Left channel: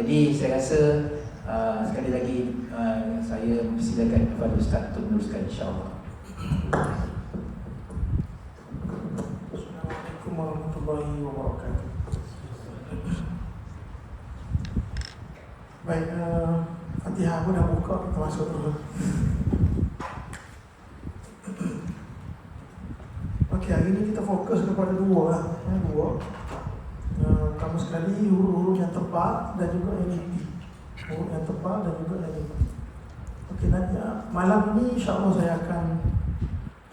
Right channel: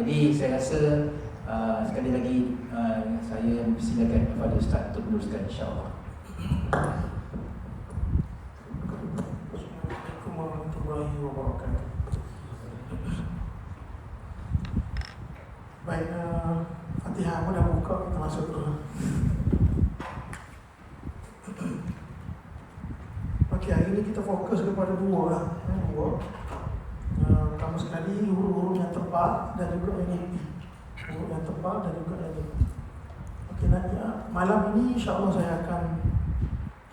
Jadi saya rasa sekali lagi saya silakan kepada Ustaz untuk meneruskan, insya-Allah. Assalamualaikum warahmatullahi wabarakatuh. Baik, Fatihah aku dah buka, kita masuk dulu. Okey, hari ini kita fokus kepada dua lah. Pertama sekali huruf-huruf yang tepat dan juga NAP. Huruf yang tepat dan juga NAP. Okey, nanti malam ini insya-Allah saya akan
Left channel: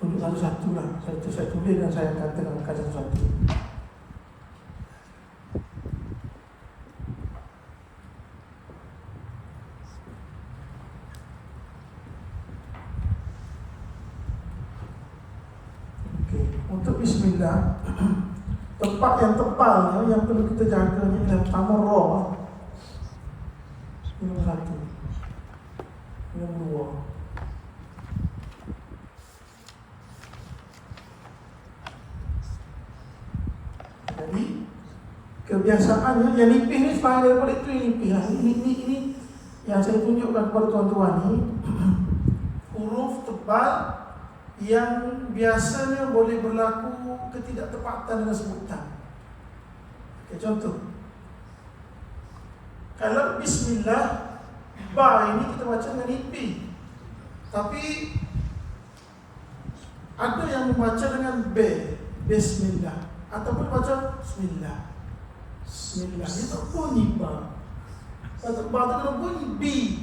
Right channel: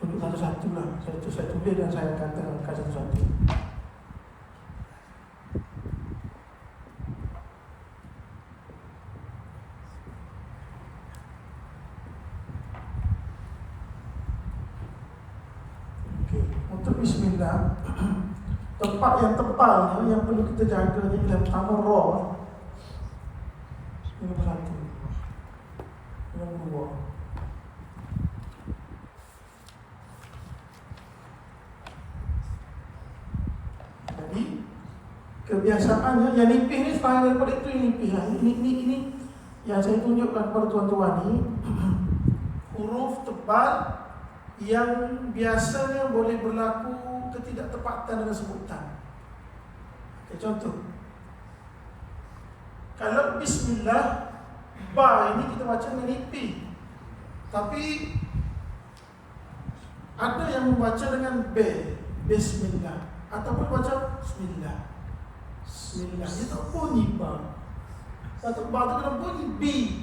tunjuk satu-satu lah. Saya tulis dan saya akan terangkan satu-satu. Untuk bismillah, tempat yang tepalnya yang perlu kita jaga yang pertama ra. Ini satu. Yang dua. Jadi kebiasaannya yang nipis ni sepanjang daripada itu nipis. Ini yang saya tunjukkan kepada tuan-tuan ni huruf tebal yang biasanya boleh berlaku ketidaktepatan dalam sebutan. Okay, contoh, kalau bismillah, ba ini kita baca dengan nipis, tapi ada yang membaca dengan b, bismillah, ataupun baca bismillah. Bismillah, dia tak bunyi ba. Satu ba tu kena bunyi b.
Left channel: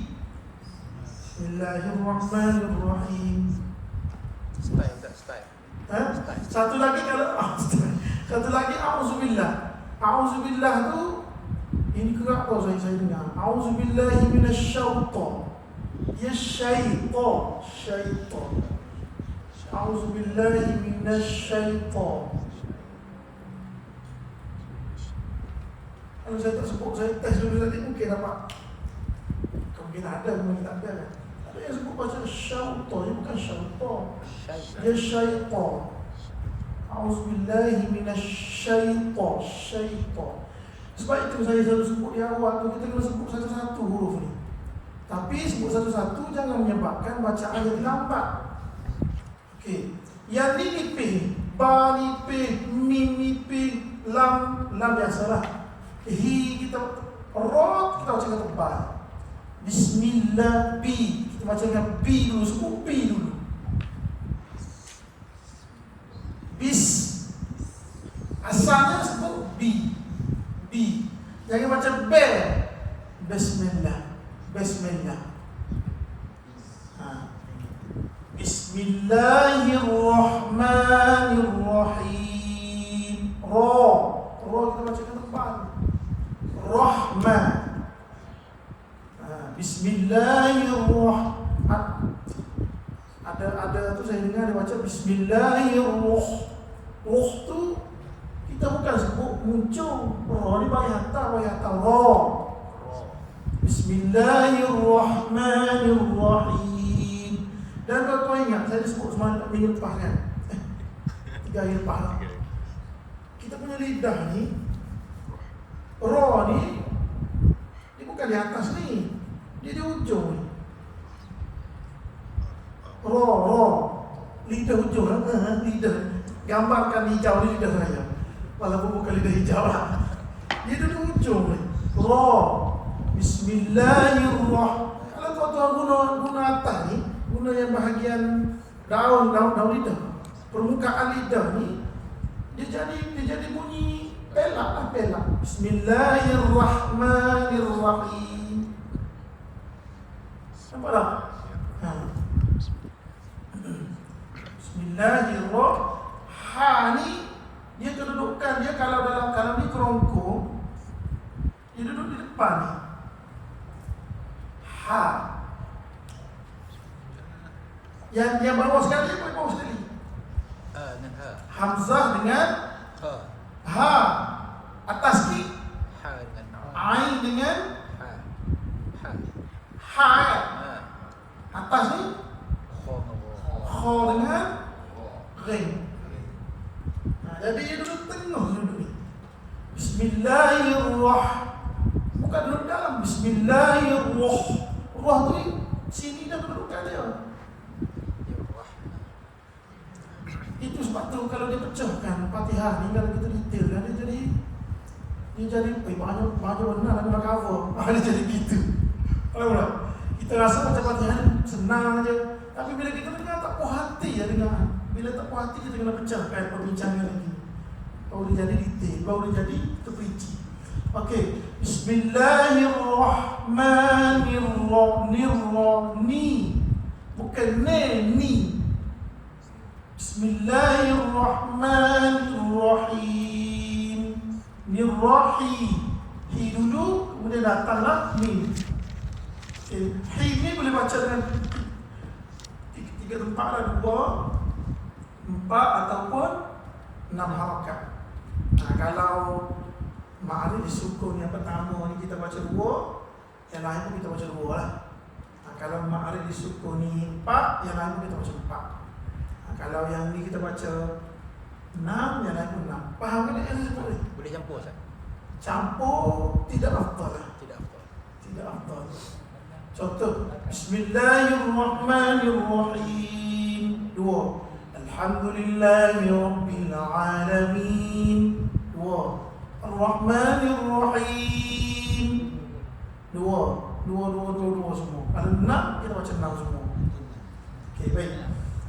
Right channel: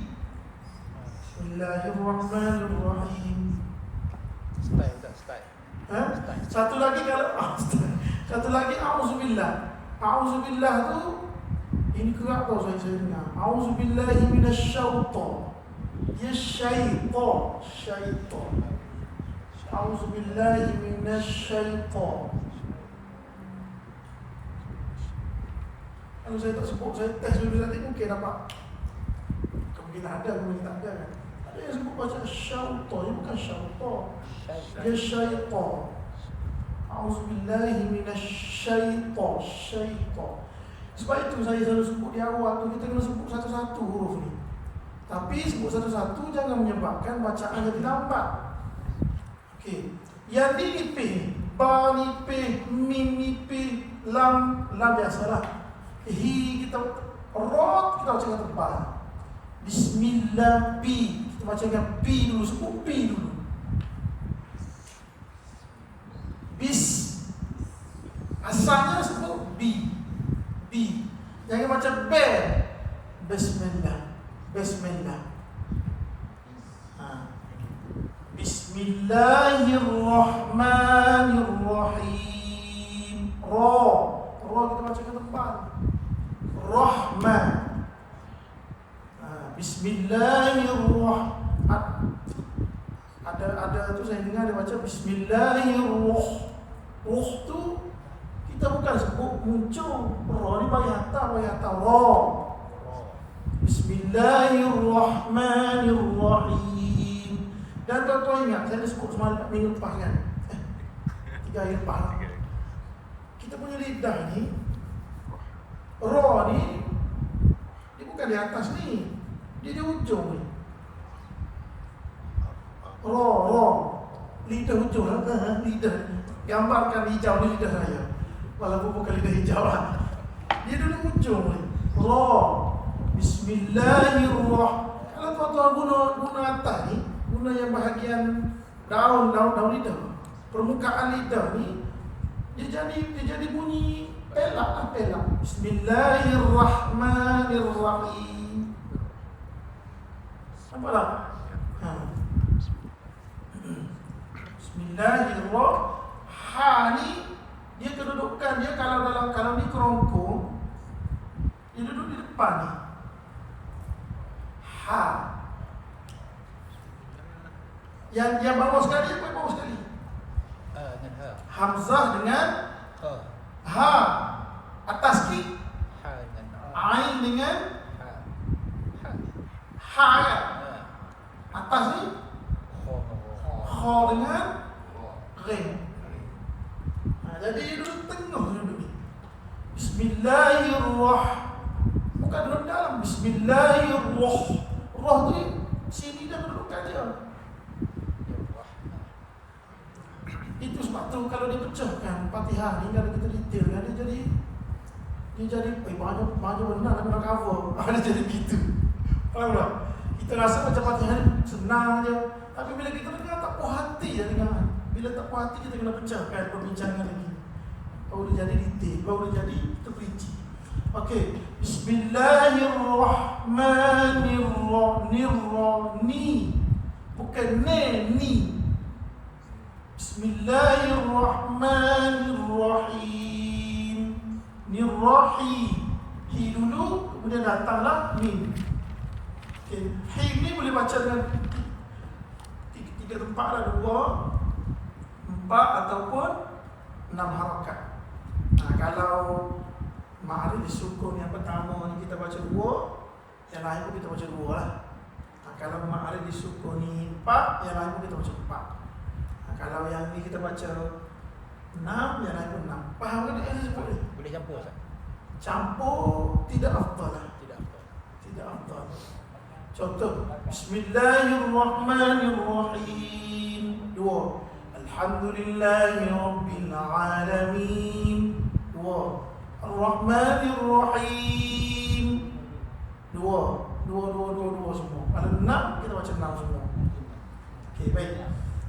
Bismillahirrahmanirrahim. Satu lagi kalau satu lagi auzubillah. Auzubillah tu ini gerak apa saya dengar. Auzubillahi minasyaitan. Ya syaitan, syaitan. Auzubillahi minasyaitan. Kalau saya tak sebut, saya tes dulu tadi mungkin dapat. Mungkin ada, mungkin tak ada. Saya sebut baca syaitan, bukan syaitan. Ya syaitan. Auzubillahi minasyaitan, syaitan. Sebab itu saya selalu sebut di awal tu, kita kena sebut satu-satu huruf ni. Tapi sebut satu-satu jangan menyebabkan bacaan jadi lambat. Okey. Yang ni nipih, ba nipih, mim nipih, lam biasalah. Hi kita ra kita baca dengan tebal. Bismillah bi. Kita baca dengan bi dulu, sebut bi dulu. Bis asalnya sebut B. Jangan macam B. Bismillah. Bismillahirrahmanirrahim. Ra kita baca dengan tebal. Rahman. Bismillahirrahmanirrahim. Ada tu saya dengar dia baca Bismillahirrahmanirrahim. Roh tu kita bukan sebut muncul. Roh ni bagi hantar ra. Bismillahirrahmanirrahim. Dan tuan-tuan ingat saya dah sebut semalam minggu lepas kan? 3 hari lepas. Kita punya lidah ni, ra ni dia bukan di atas ni. Dia di ujung ni. Ra. Lidah ujung lidah. Gambarkan hijau ni lidah saya. Walaupun bukan lidah hijau lah. Dia duduk ujung ni. Ra. Bismillahirrahmanirrahim. Kalau tuan-tuan guna atas ni, guna yang bahagian daun lidah, permukaan lidah ni, dia jadi bunyi pelak. Bismillahirrahmanirrahim. Nampak tak? Bismillahirrahmanirrahim. Ha ni dia kedudukan dia kalau ni kerongkong, dia duduk di depan ni. Ha. Yang bawah sekali apa bawah sekali? Hamzah dengan ha. Atas ni ain dengan ha. Atas ni kha dengan ghain. Jadi dia duduk tengah duduk ni. Bismillahirrahmanirrahim. Bukan duduk dalam Bismillahirrahmanirrahim. Roh tu sini dah kedudukan dia. Itu sebab tu kalau dia pecahkan Fatihah ni, kalau kita detail dia jadi baju benar nak cover. Dia jadi gitu. Faham tak? Kita rasa macam Fatihah ni senang aja, tapi bila kita dengar tak puas hati ya dengar. Bila tak puas hati kita kena pecahkan perbincangan lagi. Baru dia jadi detail, baru dia jadi terperinci. Okey, Bismillahirrahmanirrahim. Bukan ni. Bismillahirrahmanirrahim. Nirrahi. Hi dulu, kemudian datanglah mim. Okay. Hi ni boleh baca dengan tiga tempat lah, 2, 4 ataupun 6 harakat. Kalau ma'arif sukun yang pertama ni kita baca 2, yang lain pun kita baca 2 lah. Kalau ma'arif sukun ni 4, yang lain pun kita baca 4. Kalau yang ni kita baca 6, yang lain pun 6. Faham ke dia sebut ni? Boleh campur tak? Campur tidak afdal lah. Tidak afdal. Contoh, Bismillahirrahmanirrahim. 2. Alhamdulillahi Rabbil Alamin. 2. Ar-Rahmanirrahim. 2 semua. Kalau 6, kita baca 6 semua. Okey, baik.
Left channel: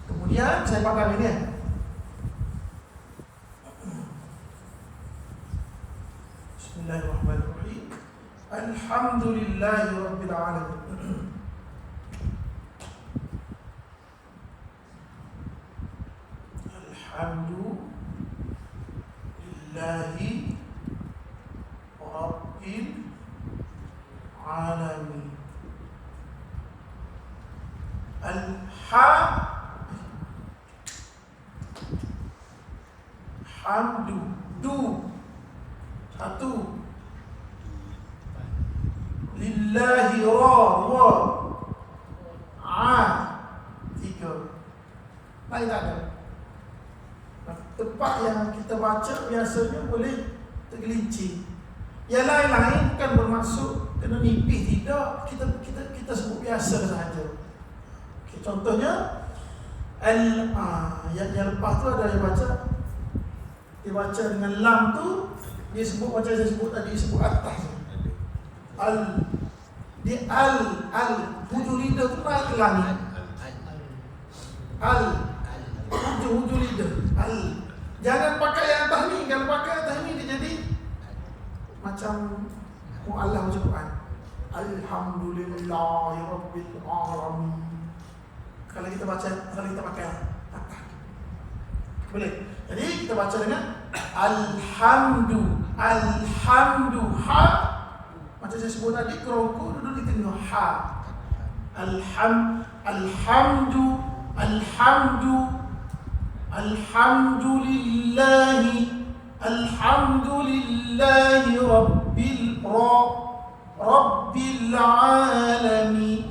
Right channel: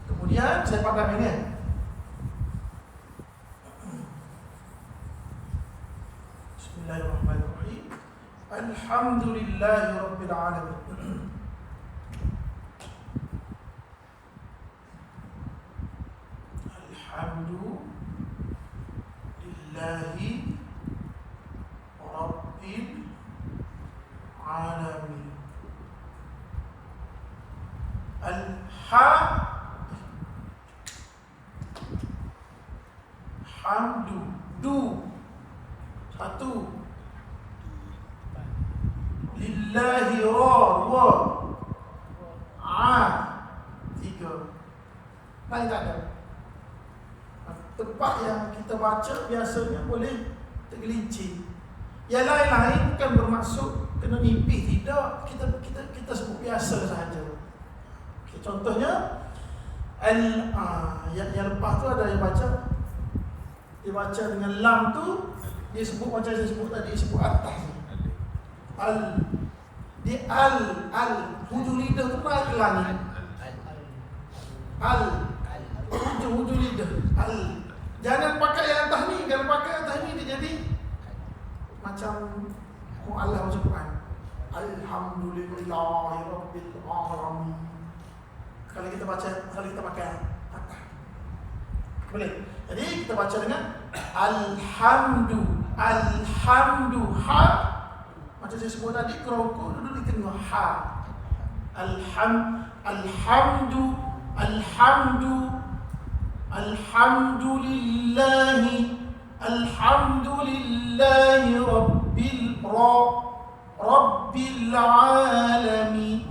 Kemudian saya pandang ini. Bismillahirrahmanirrahim. Alhamdulillahi Rabbil Alamin. Alhamdulillahi Rabbil Alamin. Hamdu. Du. 1. Lillahi ra. 3. Lain tak ada. Tempat yang kita baca biasanya boleh tergelincir. Yang lain-lain bukan bermaksud kena nipis, tidak. Kita sebut biasa sahaja. Okay, contohnya yang lepas tu ada yang baca, dia baca dengan lam tu, dia sebut macam saya sebut tadi, sebut atas. Hujung lidah tu naik ke langit. Hujung lidah. Jangan pakai yang atas ni. Kalau pakai atas ni dia jadi macam mu'allah macam Quran. Alhamdulillahirabbil alamin. Kalau kita pakai atas, boleh. Jadi kita baca dengan alhamdu. Ha. Macam saya sebut tadi, keroku duduk di tengah ha. Alhamdulillahi Rabbil Alamin.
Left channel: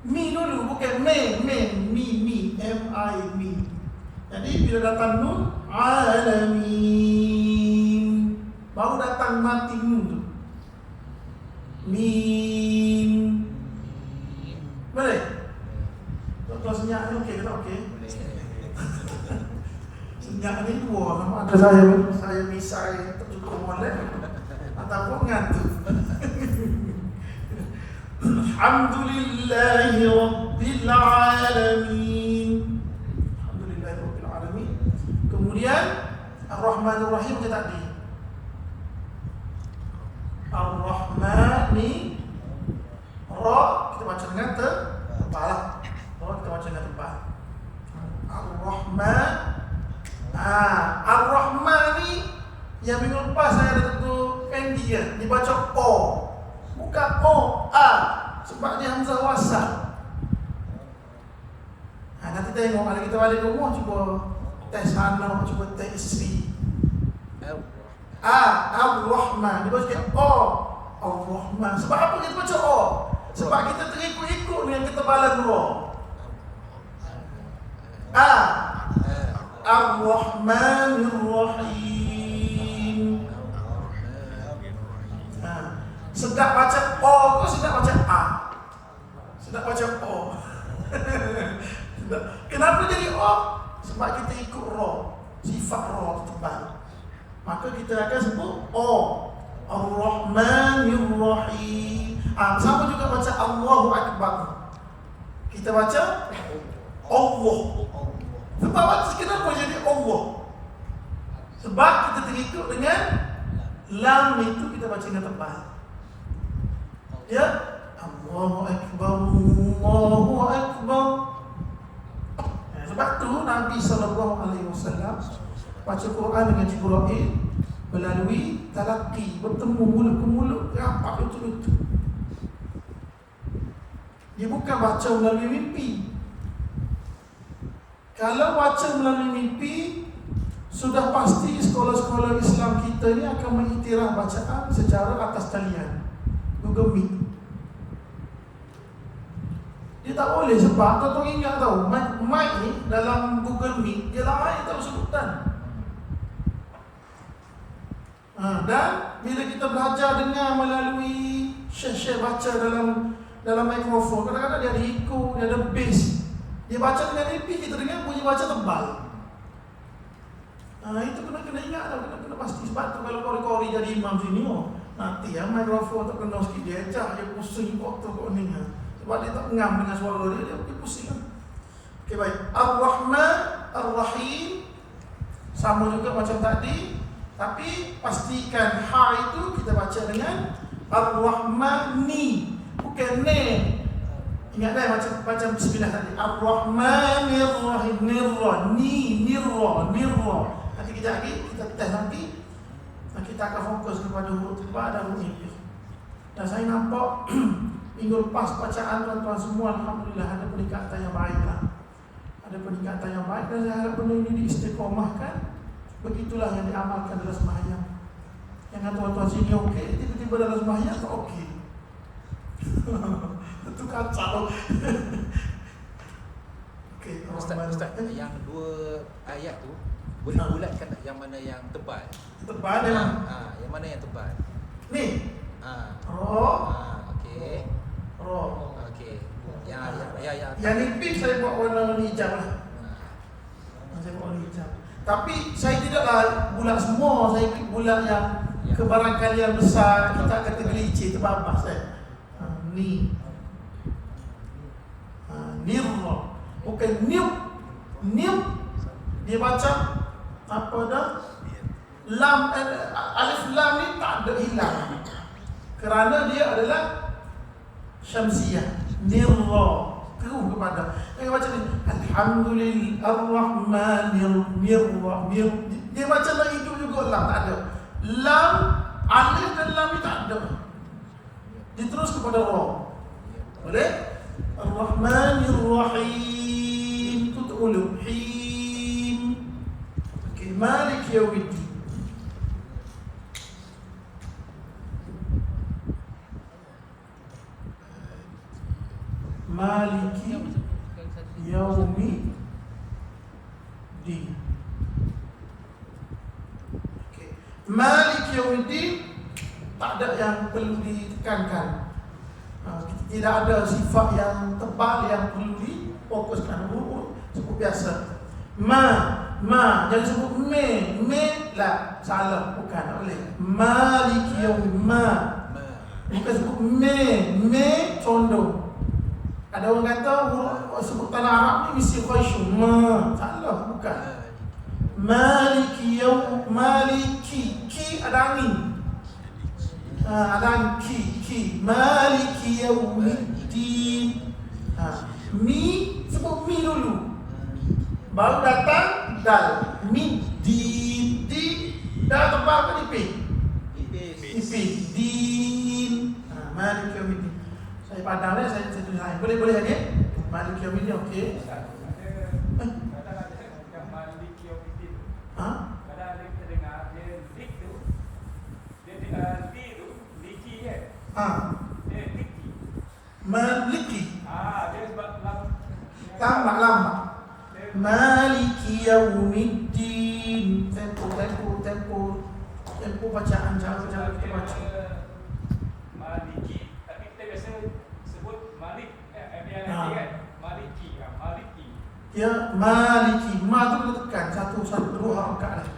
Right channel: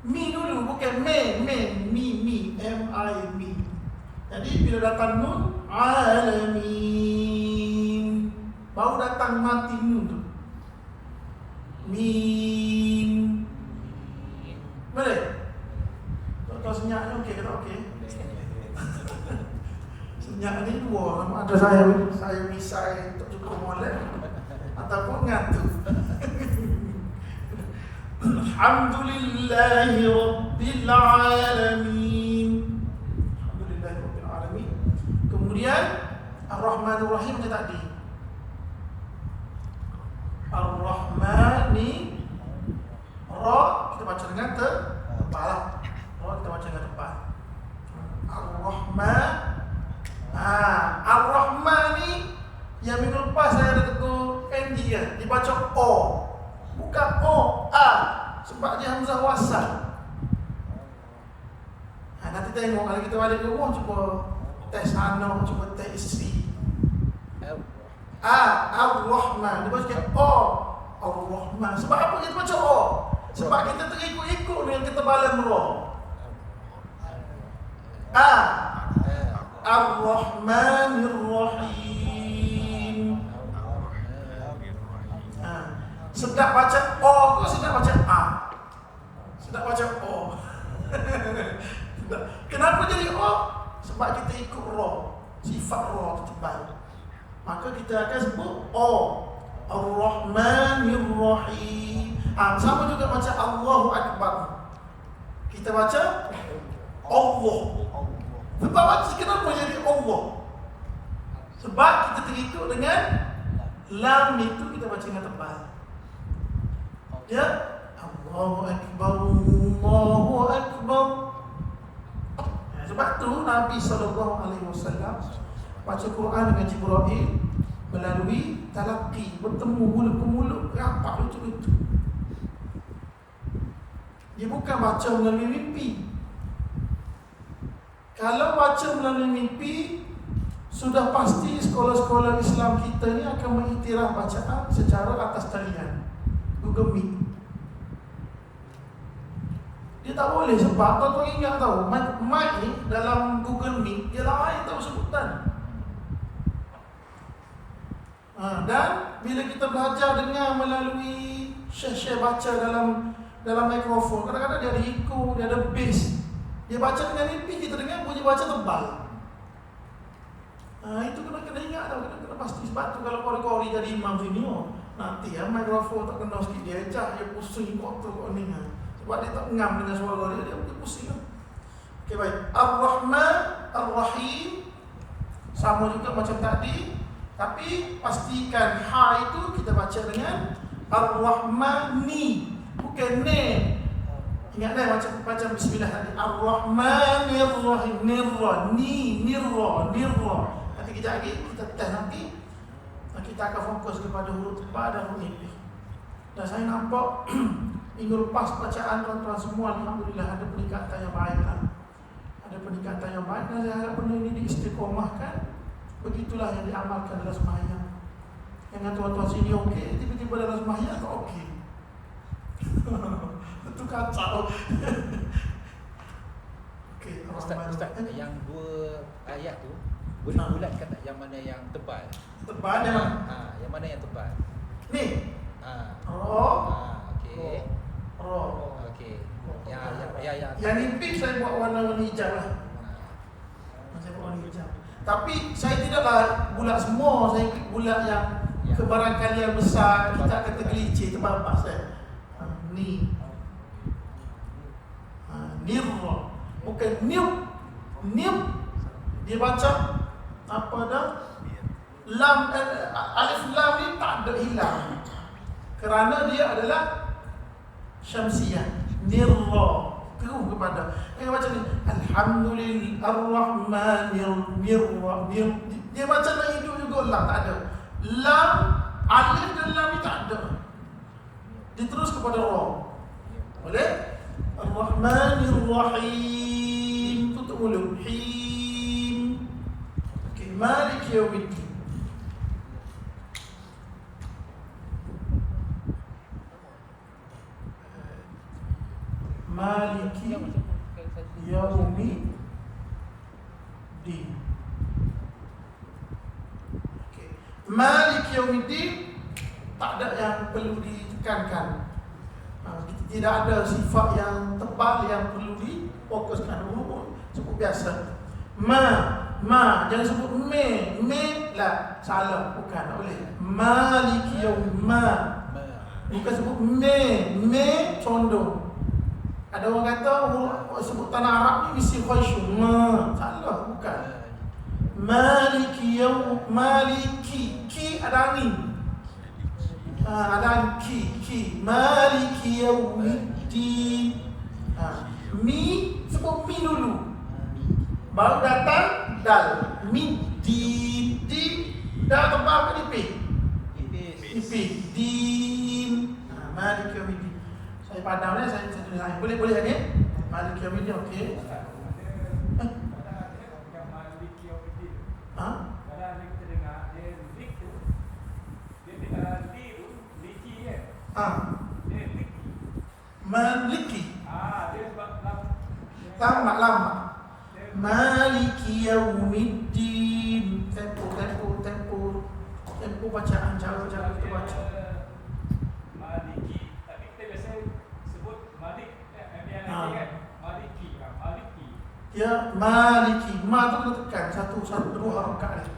Mi dulu, bukan mi. M-I-M. Jadi bila datang nun, alamin, baru datang mati nun tu. Mim. Boleh? Kalau senyap ni okey ke tak okey? Senyap ni 2. Memang ada saya misai tak cukup molek ataupun ngantuk. Alhamdulillahi Rabbil Alamin. Alhamdulillahi Rabbil Alamin. Kemudian Ar-Rahmanir-Rahim macam tadi. Ar-Rahmani. Ra kita baca dengan tebal. Ra kita baca dengan tebal. Ar-Rahman. Ar-Rahman ni yang minggu lepas saya ada tentu pendek kan, dibaca O. Bukan O, A. Sebab dia hamzah wasal. Nanti tengok kalau kita balik rumah, cuba tes anak, cuba tes isteri. Ar-Rahman. Dia baca O. Ar-Rahman. Sebab apa kita baca O? Sebab kita terikut-ikut dengan ketebalan roh. Ar-Rahmanir-Rahim. Sedap baca O atau sedap baca A? Sedap baca O. Kenapa jadi O? Sebab kita ikut roh. Sifat roh tebal. Maka kita akan sebut O. Ar-Rahmanir Rahim. Sama juga baca Allahu Akbar. Kita baca Allah. Sebab kenapa jadi Allah? Sebab kita terikut dengan lam itu kita baca dengan tebal. Ya, Allahu Akbar, Allahu Akbar. Ya, sebab tu Nabi SAW baca Quran dengan Jibril melalui talaqi, bertemu mulut ke mulut, rapat lutut-lutut. Dia bukan baca melalui mimpi. Kalau baca melalui mimpi, sudah pasti sekolah-sekolah Islam kita ni akan mengiktiraf bacaan secara atas talian Google Meet. Dia tak boleh sebab tuan-tuan ingat tahu mic ni dalam Google Meet dia lain tahu sebutan. Dan bila kita belajar dengar melalui syekh-syekh baca dalam mikrofon, kadang-kadang dia ada echo, dia ada bass. Dia baca dengan mimpi, kita dengar bunyi baca tebal. Itu kena ingat tau, kena pasti. Sebab tu kalau kori-kori jadi imam sini, nanti mikrofon tak kena sikit, dia ejak, dia pusing kok tu kok ni. Sebab dia tak ngam dengan suara dia pusing. Okey, baik. Ar-Rahman, Ar-Rahim sama juga macam tadi. Tapi pastikan ha itu kita baca dengan Ar-Rahmani, bukan ne. Ingat dah macam bismillah tadi. Ar-Rahmanir Rahim, nirra, nirra. Nanti kita lagi kita tes nanti. Dan kita akan fokus kepada huruf ini. Dan saya nampak minggu lepas bacaan tuan-tuan semua, alhamdulillah ada peningkatan yang baik. Ada peningkatan yang baik dan saya harap benda ini diistiqomahkan. Begitulah yang diamalkan dalam sembahyang. Yang tuan-tuan sini okey, tiba-tiba dalam sembahyang tak okey. Itu kacau. Okey, Ustaz, yang dua ayat tu boleh bulatkan tak yang mana yang tebal? Tebal yang mana yang tebal? Ni. Okey. Okey. Yang nipis saya buat warna hijau lah. Saya buat warna hijau. Tapi saya tidaklah bulat semua, saya bulat yang kebarangkalian besar, kita akan tergelincir terbabas saya. Ni. Nirra. Bukan niup. Dia baca apa dah? Lam, alif lam ni tak ada hilang. Kerana dia adalah syamsiyah. Nirra. Terus kepada baca ni Alhamdulillah Ar-Rahmanir Rahim. Dia baca dalam hidup juga lam tak ada. Lam, alif dan lam ni tak ada. Dia terus kepada ra. Boleh? Ar-Rahmanir Rahim. Tutup mulut. Him. Okey, Malik Yaumiddin. Maliki Yaumiddin. Okay. Maliki Yaumiddin tak ada yang perlu ditekankan. Tidak ada sifat yang tebal yang perlu difokuskan. Sebut biasa. Ma jangan sebut me lah, salah, bukan, tak boleh. Maliki Yaumiddin. Bukan sebut me condong. Ada orang kata sebutan Arab ni mesti khaisyun. Salah, bukan. Maliki ada angin. Ada ki. Maliki Yaumiddin. Mi sebut mi dulu. Baru datang dal. Middin. Dah tebal ke nipis? Nipis. Din. Maliki Yaumiddin. Saya padam saya tulis lain. Boleh hadir? Maliki Yaumiddin, okey. Maliki. Lama. Maliki Yaumiddin. Tempo bacaan, cara kita baca. Ya maliki, ma tu kita tekan satu dua angkat dia.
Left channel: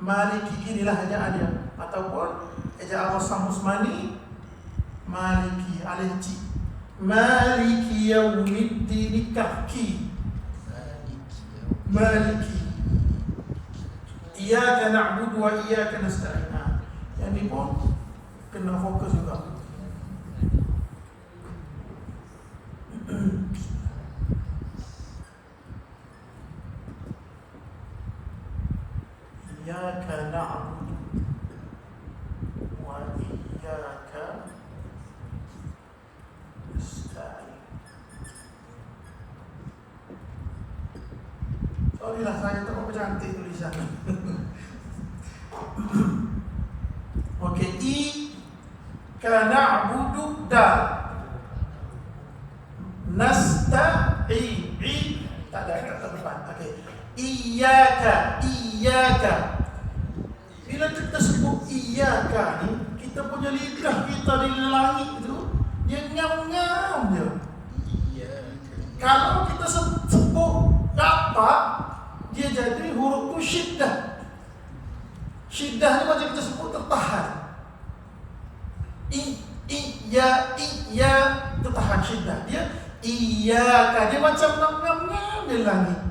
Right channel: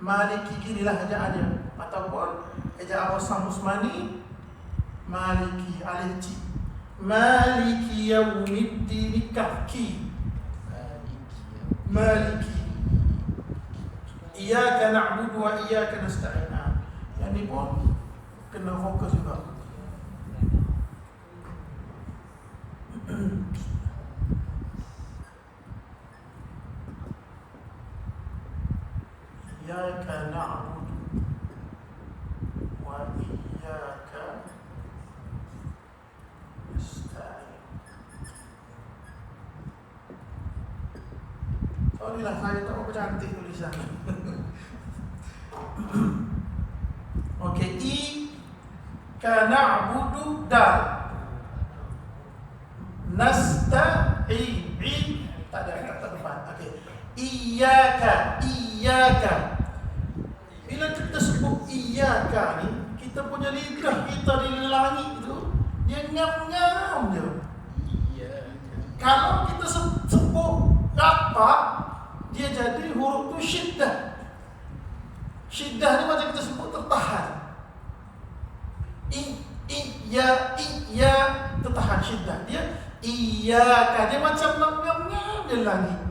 Maliki inilah ejaannya, ataupun ejaan Wasam Usmani maliki alif ci. Maliki yaumiddin kaki. Maliki. Iyyaka na'budu wa iyyaka nasta'in. Yang ni pun kena fokus juga. Iyyaka na'budu wa iyyaka nasta'in. Sorry lah, saya tak berapa cantik tulisan. Okey, iyyaka na'budu dal. Nasta'in. Tak ada kata depan. Okey. Iyyaka. Bila kita sebut iyyaka ni, kita punya lidah kita di langit tu dia ngam-ngam je. Kalau kita sebut rapat, dia jadi huruf tu syiddah. Syiddah ni macam kita sebut tertahan. Iya tertahan syiddah. Dia iyyaka, dia macam ngam-ngam di langit.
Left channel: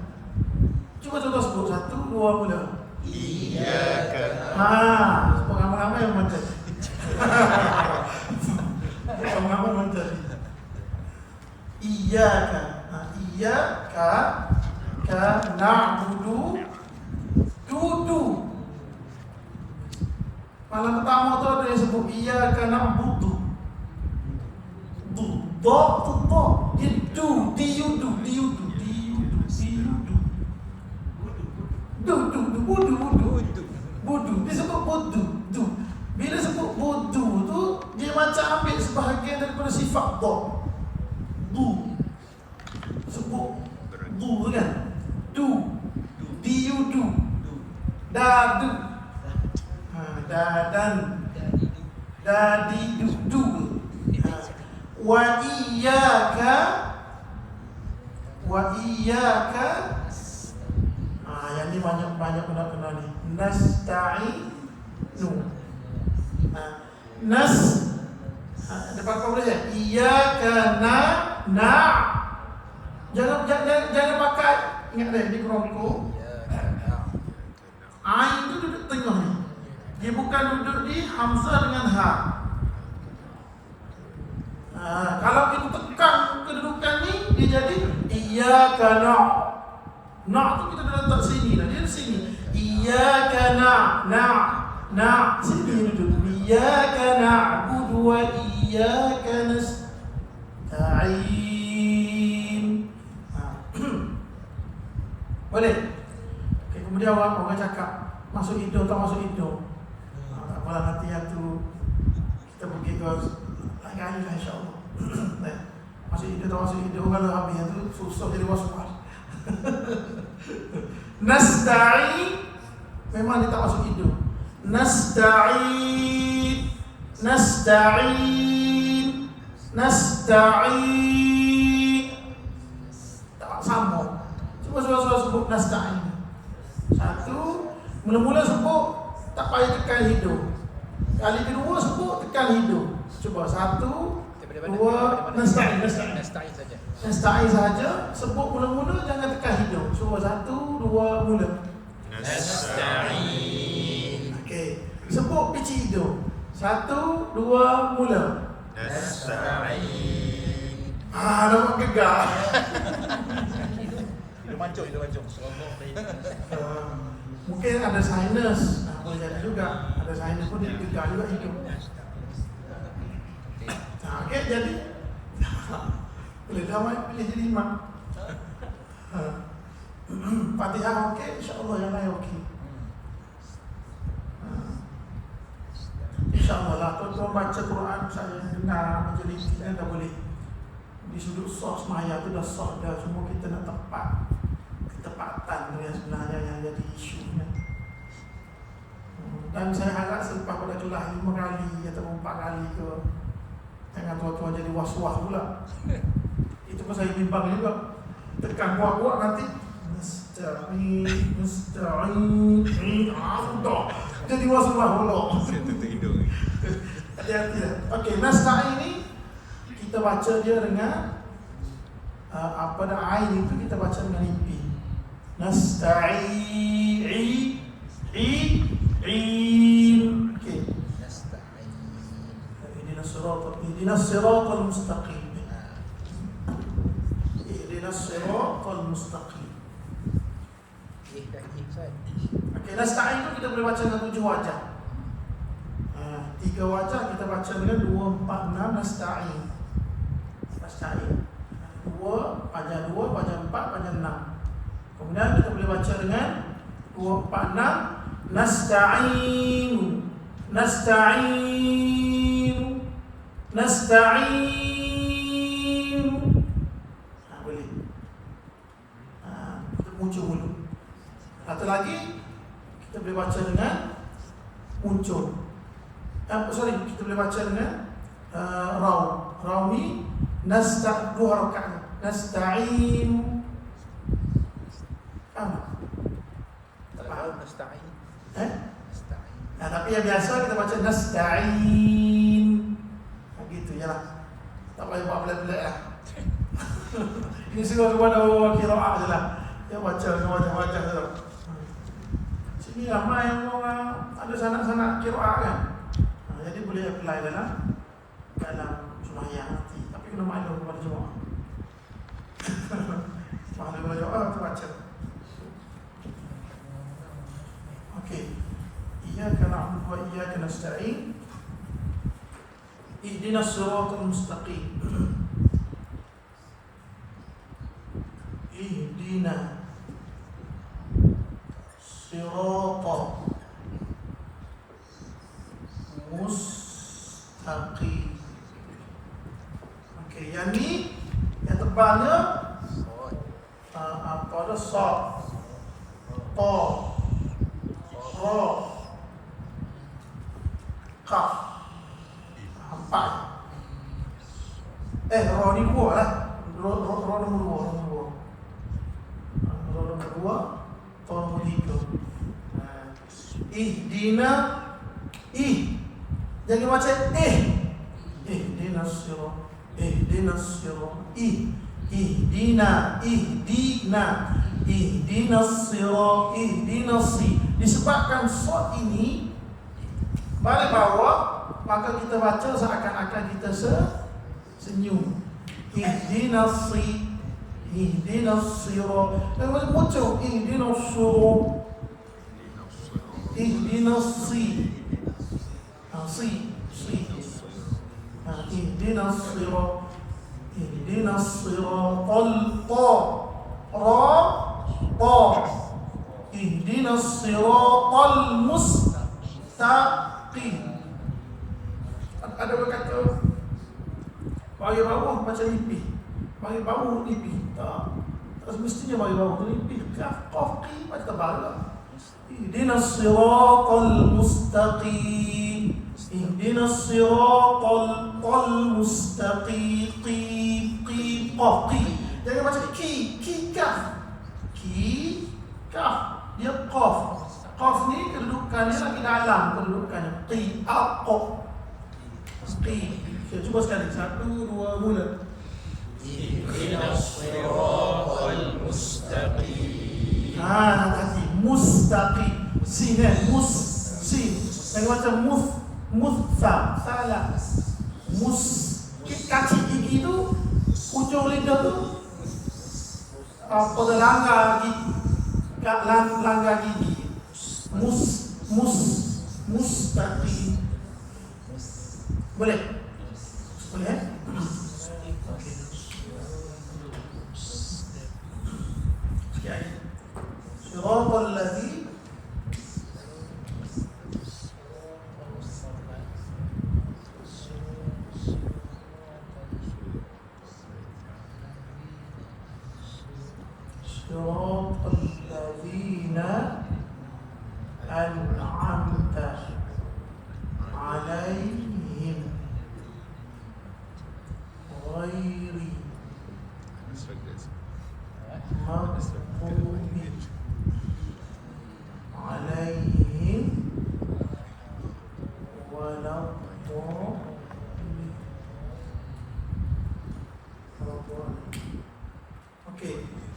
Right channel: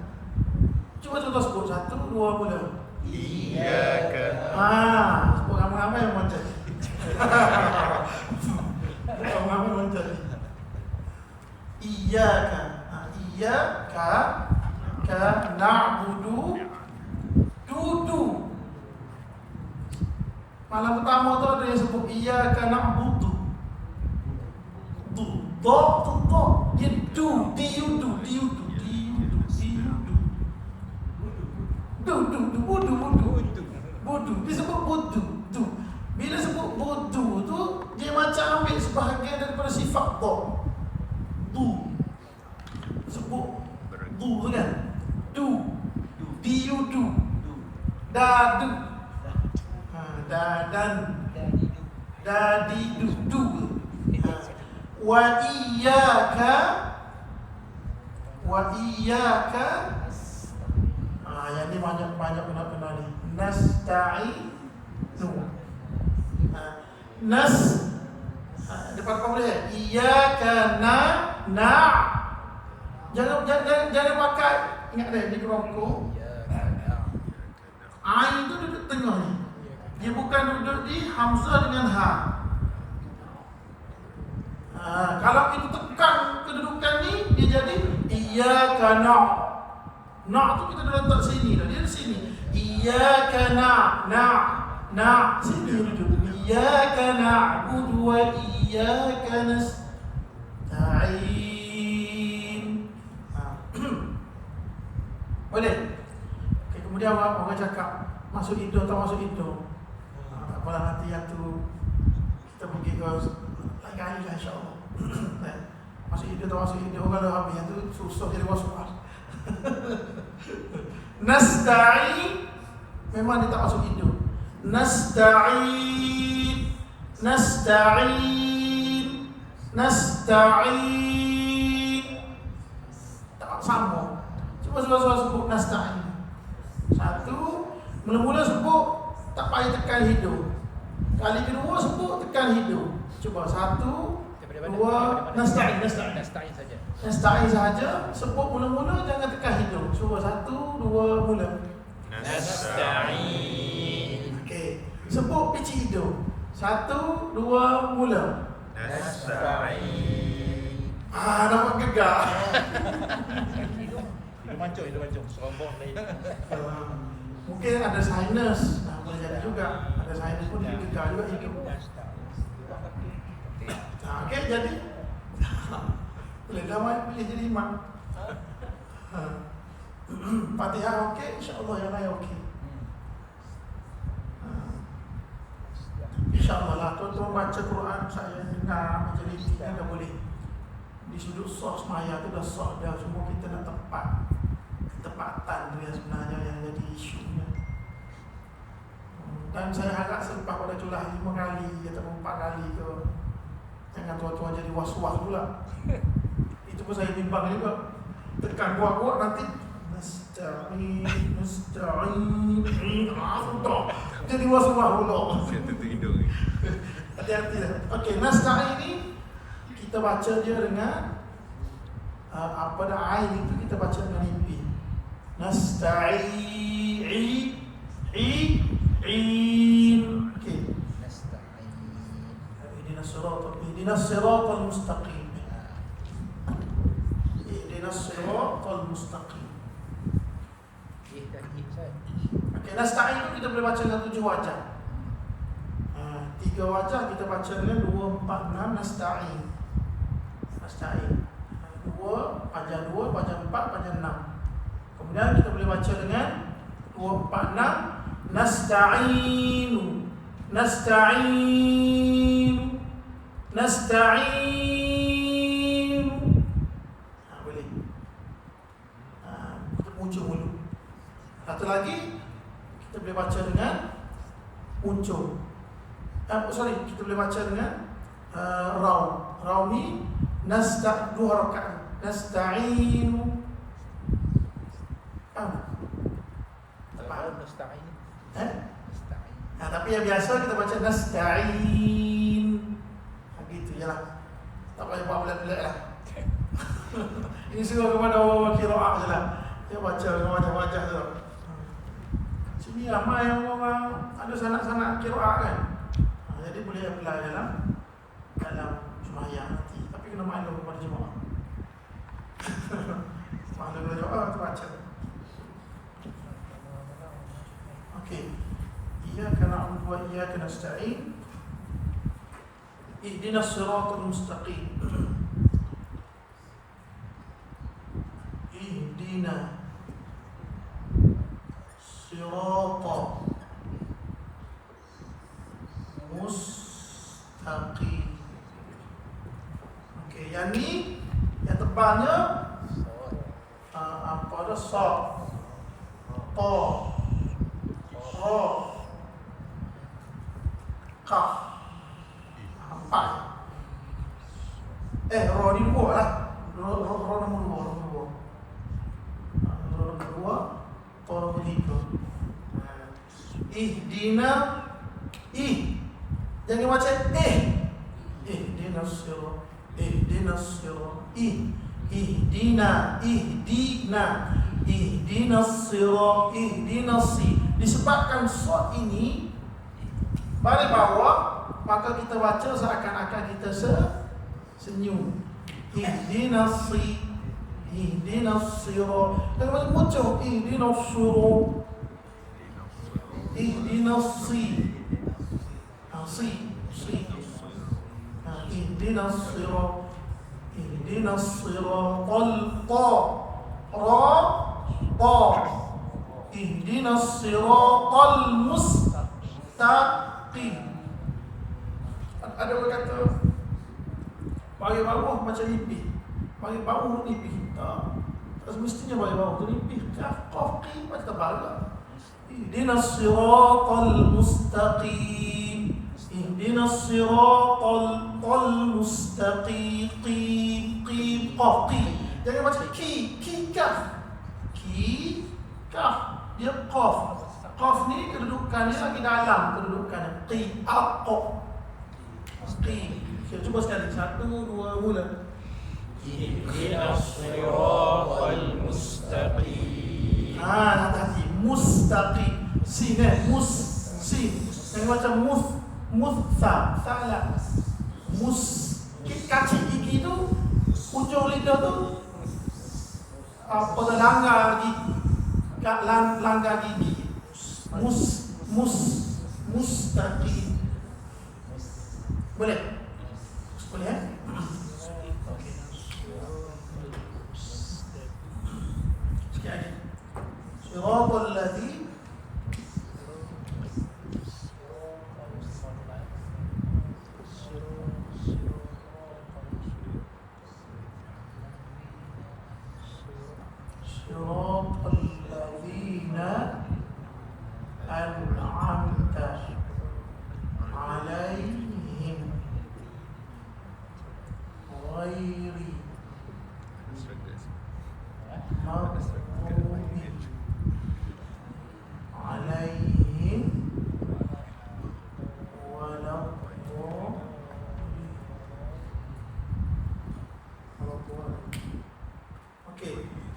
Cuba sebut satu, dua mula. Iyyaka. Sebut ramai-ramai yang macam. Ramai-ramai macam. Iyyaka. Iyyaka na'budu. Dudu. Malam pertama tu ada yang sebut iyyaka na'budu. Dia Budu. Dia sebut budu. Bila sebut budu tu, dia macam ambil sebahagian daripada sifat do. Sebut du tu kan. Diudu. Dadu. Dadan. Dadi du. Wa iyyaka. Yang ni banyak guna ni. Nasta'inu. Depan kau boleh. Iyyaka jangan pakai. Ingat deh di kelompok. Ain tu duduk tengah ni. Dia bukan duduk di hamzah dengan ha. Kalau kita tekan kedudukan ni, dia jadi iyyaka na' tu kita dah letak sini dah. Dia di sini. Iyyaka na' sini duduk. Iyyaka na'budu wa iyyaka nasta'in. Boleh? Okay, kemudian orang cakap masuk hidung tak masuk hidung. Tak apalah, nanti yang tu kita pergi ke lain kali lah insyaAllah. Masuk hidung tak masuk hidung, kalau habis tu susah jadi was-was. Nasta'in memang dia tak masuk hidung. Nasta'in tak sambung. Cuba sebut nasta'in. Satu, mula-mula sebut tak payah tekan hidung. Kali kedua sebut tekan hidung. Cuba satu, dua, nasta'in saja. Nasta'in saja. Sebut mula-mula jangan tekan hidung. Cuba satu, dua, mula. Nasta'in. Okey. Sebut pici hidung. Satu, dua, mula. Nasta'in. Nampak gegar. Dia mancung. Mungkin ada sinus. Boleh jadi juga. Ada sinus pun dia gegar juga hidung. Okey, jadi boleh damai pilih jadi imam. Fatihah okey, insya-Allah yang lain okey. InsyaAllah lah, tuan-tuan baca Quran saya dengar majlis kita dah boleh. Di sudut sos maya tu dah sos dah, semua kita nak tepat. Ketepatan tu yang sebenarnya yang jadi isunya. Dan saya harap selepas pada kelas 5 kali atau 4 kali ke, jangan tua-tua jadi was-was pula. Itu pun saya bimbang juga. Tekan kuat-kuat nanti mustaqim. Jadi masalah pula. Saya tutup hidung ni. Hati-hati ya. Okey, nasta'in ini kita baca dia dengan apa dah ain itu kita baca dengan ipi. Nasta'in. Okey. Ihdinas siratal mustaqim. Ihdinas siratal mustaqim. Okey, nasta'in itu kita boleh baca dengan 7 wajah. 3 wajah kita baca dengan 2, 4, 6 nasta'in. Nasta'in 2, wajah 2, wajah 4, wajah 6. Kemudian kita boleh baca dengan 2, 4, 6 nasta'in. Nasta'in. Nasta'in. Boleh. Muncul dulu. Satu lagi kita boleh baca dengan muncul. Kita boleh baca dengan raw. Raw ni dua rakaat. Nasta'in. Nasta'in. Tapi yang biasa kita baca nasta'in. Begitu jelah. Tak payah buat pelik-pelik lah. Ini semua kepada qiraat je lah. Dia baca dengan wajah-wajah je lah. Sini ramai yang orang ada sanak-sanak qiraat kan. Jadi boleh apply dalam sembahyang nanti. Tapi kena maklum kepada jemaah. Maklum kepada jemaah tu baca. Okey. Iyyaka na'budu wa iyyaka nasta'in. Ihdinas siratal mustaqim. Ihdina siratal mustaqim. Okey, yang ni yang tebalnya apa ada sa, ta, ra, kaf. Empat. Ra ni dua lah. Ra nombor dua, ta nombor tiga. Ihdina jangan baca ihdinas sirat. Ihdinas sirat. Ihdinas sirat. Ihdinas si. Disebabkan sod ini balik bawah, maka kita baca seakan-akan kita senyum. Ihdinas si. Ihdinas sirat. Dan muncul ihdinas surat. Ihdinas si. Ihdinas sirat. Ihdinas siratal ta. Ihdinas siratal mustaqim. Ada orang kata bagi bawah macam nipih. Bagi bawah nipih. Tak semestinya bagi bawah tu nipih. Qaf macam tebal lah. Ihdinas siratal mustaqim. Ihdinas siratal mustaqim. Qaf. Jangan macam kaf. Kaf. Dia qaf. Qaf ni kedudukannya lagi dalam kedudukannya. Kita cuba sekali. 1, 2, mula. Ihdinas siratal mustaqim. Tadi mustaqim. Sin. Jangan macam salah. Kaki gigi tu, ujung lidah tu pada langgar gigi. Mustaqim. Boleh? Boleh? Okey. Sekali. Siratal ladzi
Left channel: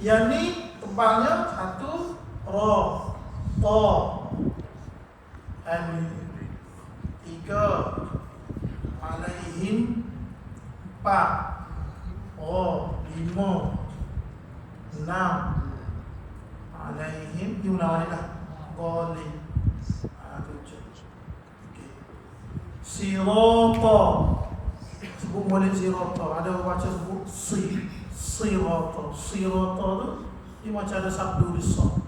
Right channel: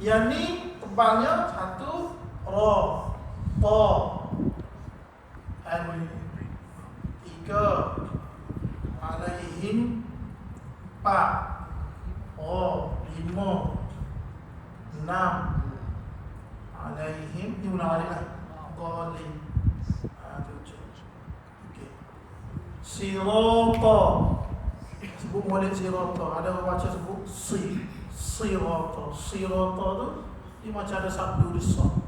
Yang ni tebalnya satu ro, to, tiga, alaihim, empat, lima, enam, alaihim, ni ulang balik lah. Boleh. Tujuh. Okay. Sirata. Sebut balik sirata. Ada baca sebut sirata. Sirata tu dia macam ada satu lisan.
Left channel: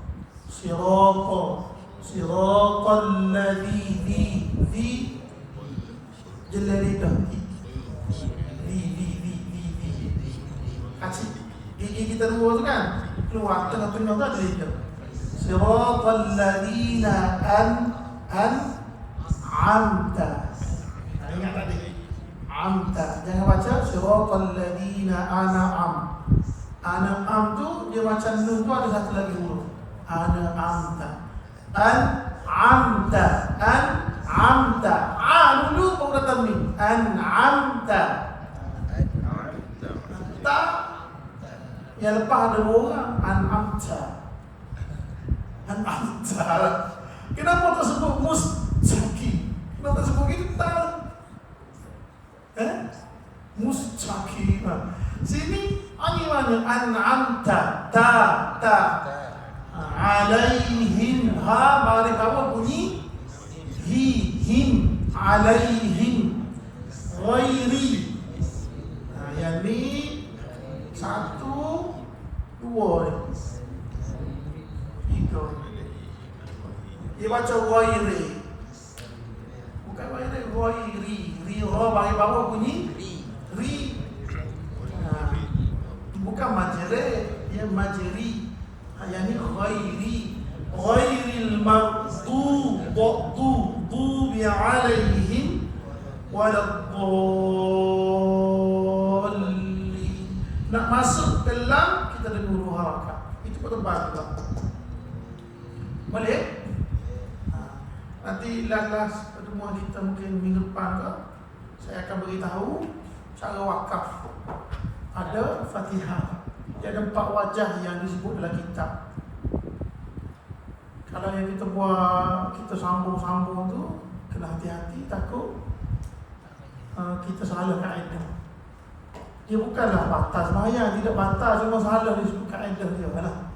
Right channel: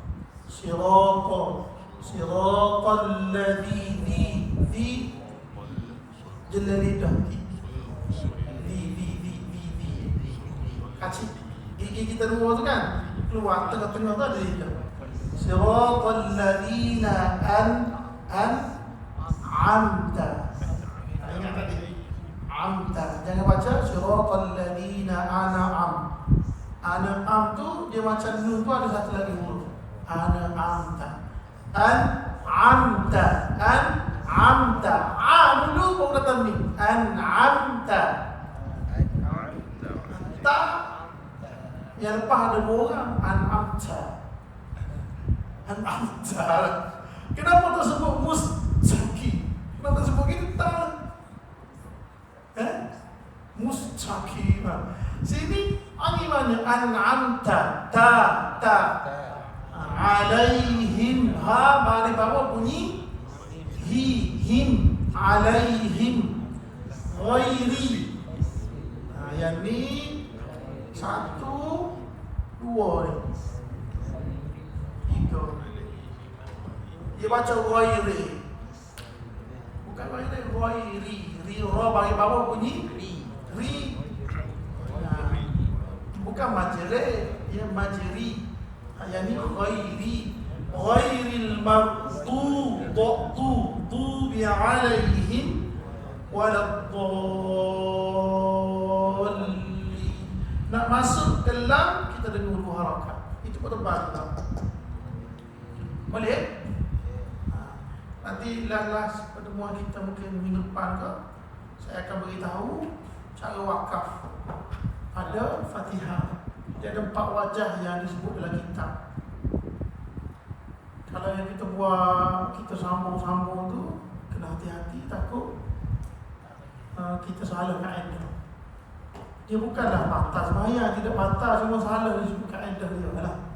Sirata. Siratal ladzi di jelal lidah. Kacik. Gigi kita dua tu kan keluar tengah-tengah tu ada lidah. Siratal ladzina an'amta. Ingat tadi. Amta. Jangan baca siratal ladzina an'am. An'am tu dia macam nun tu ada satu lagi huruf. An'amta. An'amta. An'amta. Dulu baru datang ni. An'amta. Tak. Yang lepas ada dua orang. An'amta. An'amta. Kenapa tersebut mustaqim? Kenapa tersebut kita? Mustaqim. Sini mana? An'amta. Ta. Alaihim. Ha mari bawah bunyi him. Alaihim. Ghairi. Nah, yang ni satu, dua ni. Tiga. Dia baca ghairi. Bukan ghairi. Ri bagi bawah bunyi ri. Nah, bukan majri, dia majri. Yang ni ghairi. Ghairil maghdubi alaihim waladdallin. Nak masuk ke lam kita ada dua harakat. Itu pada bahasa. Boleh? Nanti last pertemuan kita mungkin minggu depan ke, saya akan beritahu cara wakaf. Ada Fatihah. Dia ada 4 wajah yang disebut dalam kitab. Kalau yang kita buat, kita sambung-sambung tu, kena hati-hati, takut kita salah kaedah. Dia bukanlah batas bahaya, tidak batas, cuma salah disebut kaedah dia lah.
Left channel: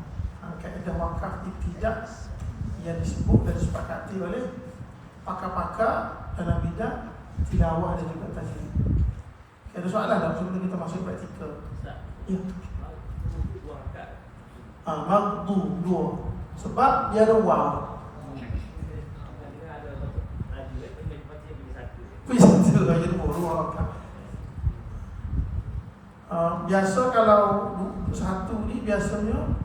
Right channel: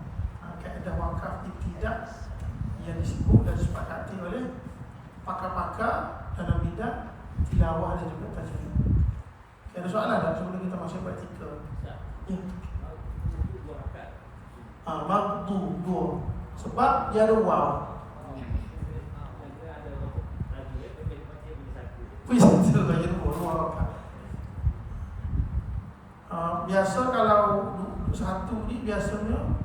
Kaedah wakaf tidak yang disebut dan disepakati oleh pakar-pakar dalam bidang tilawah dan juga tajwid. Ada soalan tak sebelum kita masuk praktikal? Ya. Maghdu dua. Sebab dia ada waw. Bisa aja dua. Biasa kalau satu ni biasanya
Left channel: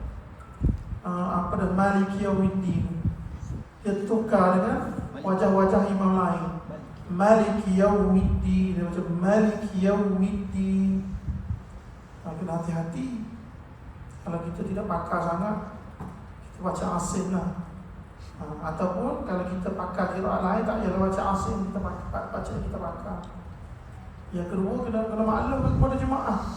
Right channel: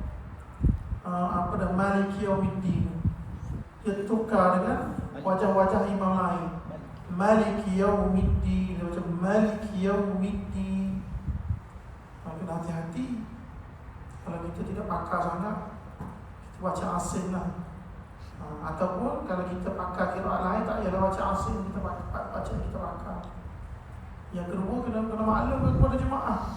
apa dah Maliki Yaumiddin. Dia tukar dengan wajah-wajah imam lain. Maliki Yaumiddin, dia macam Maliki Yaumiddin. Kena hati-hati. Kalau kita tidak pakar sangat, kita baca asin lah. Ataupun kalau kita pakar kira lain, tak payah baca asin, kita baca kita pakar. Yang kedua, kena maklum kepada jemaah.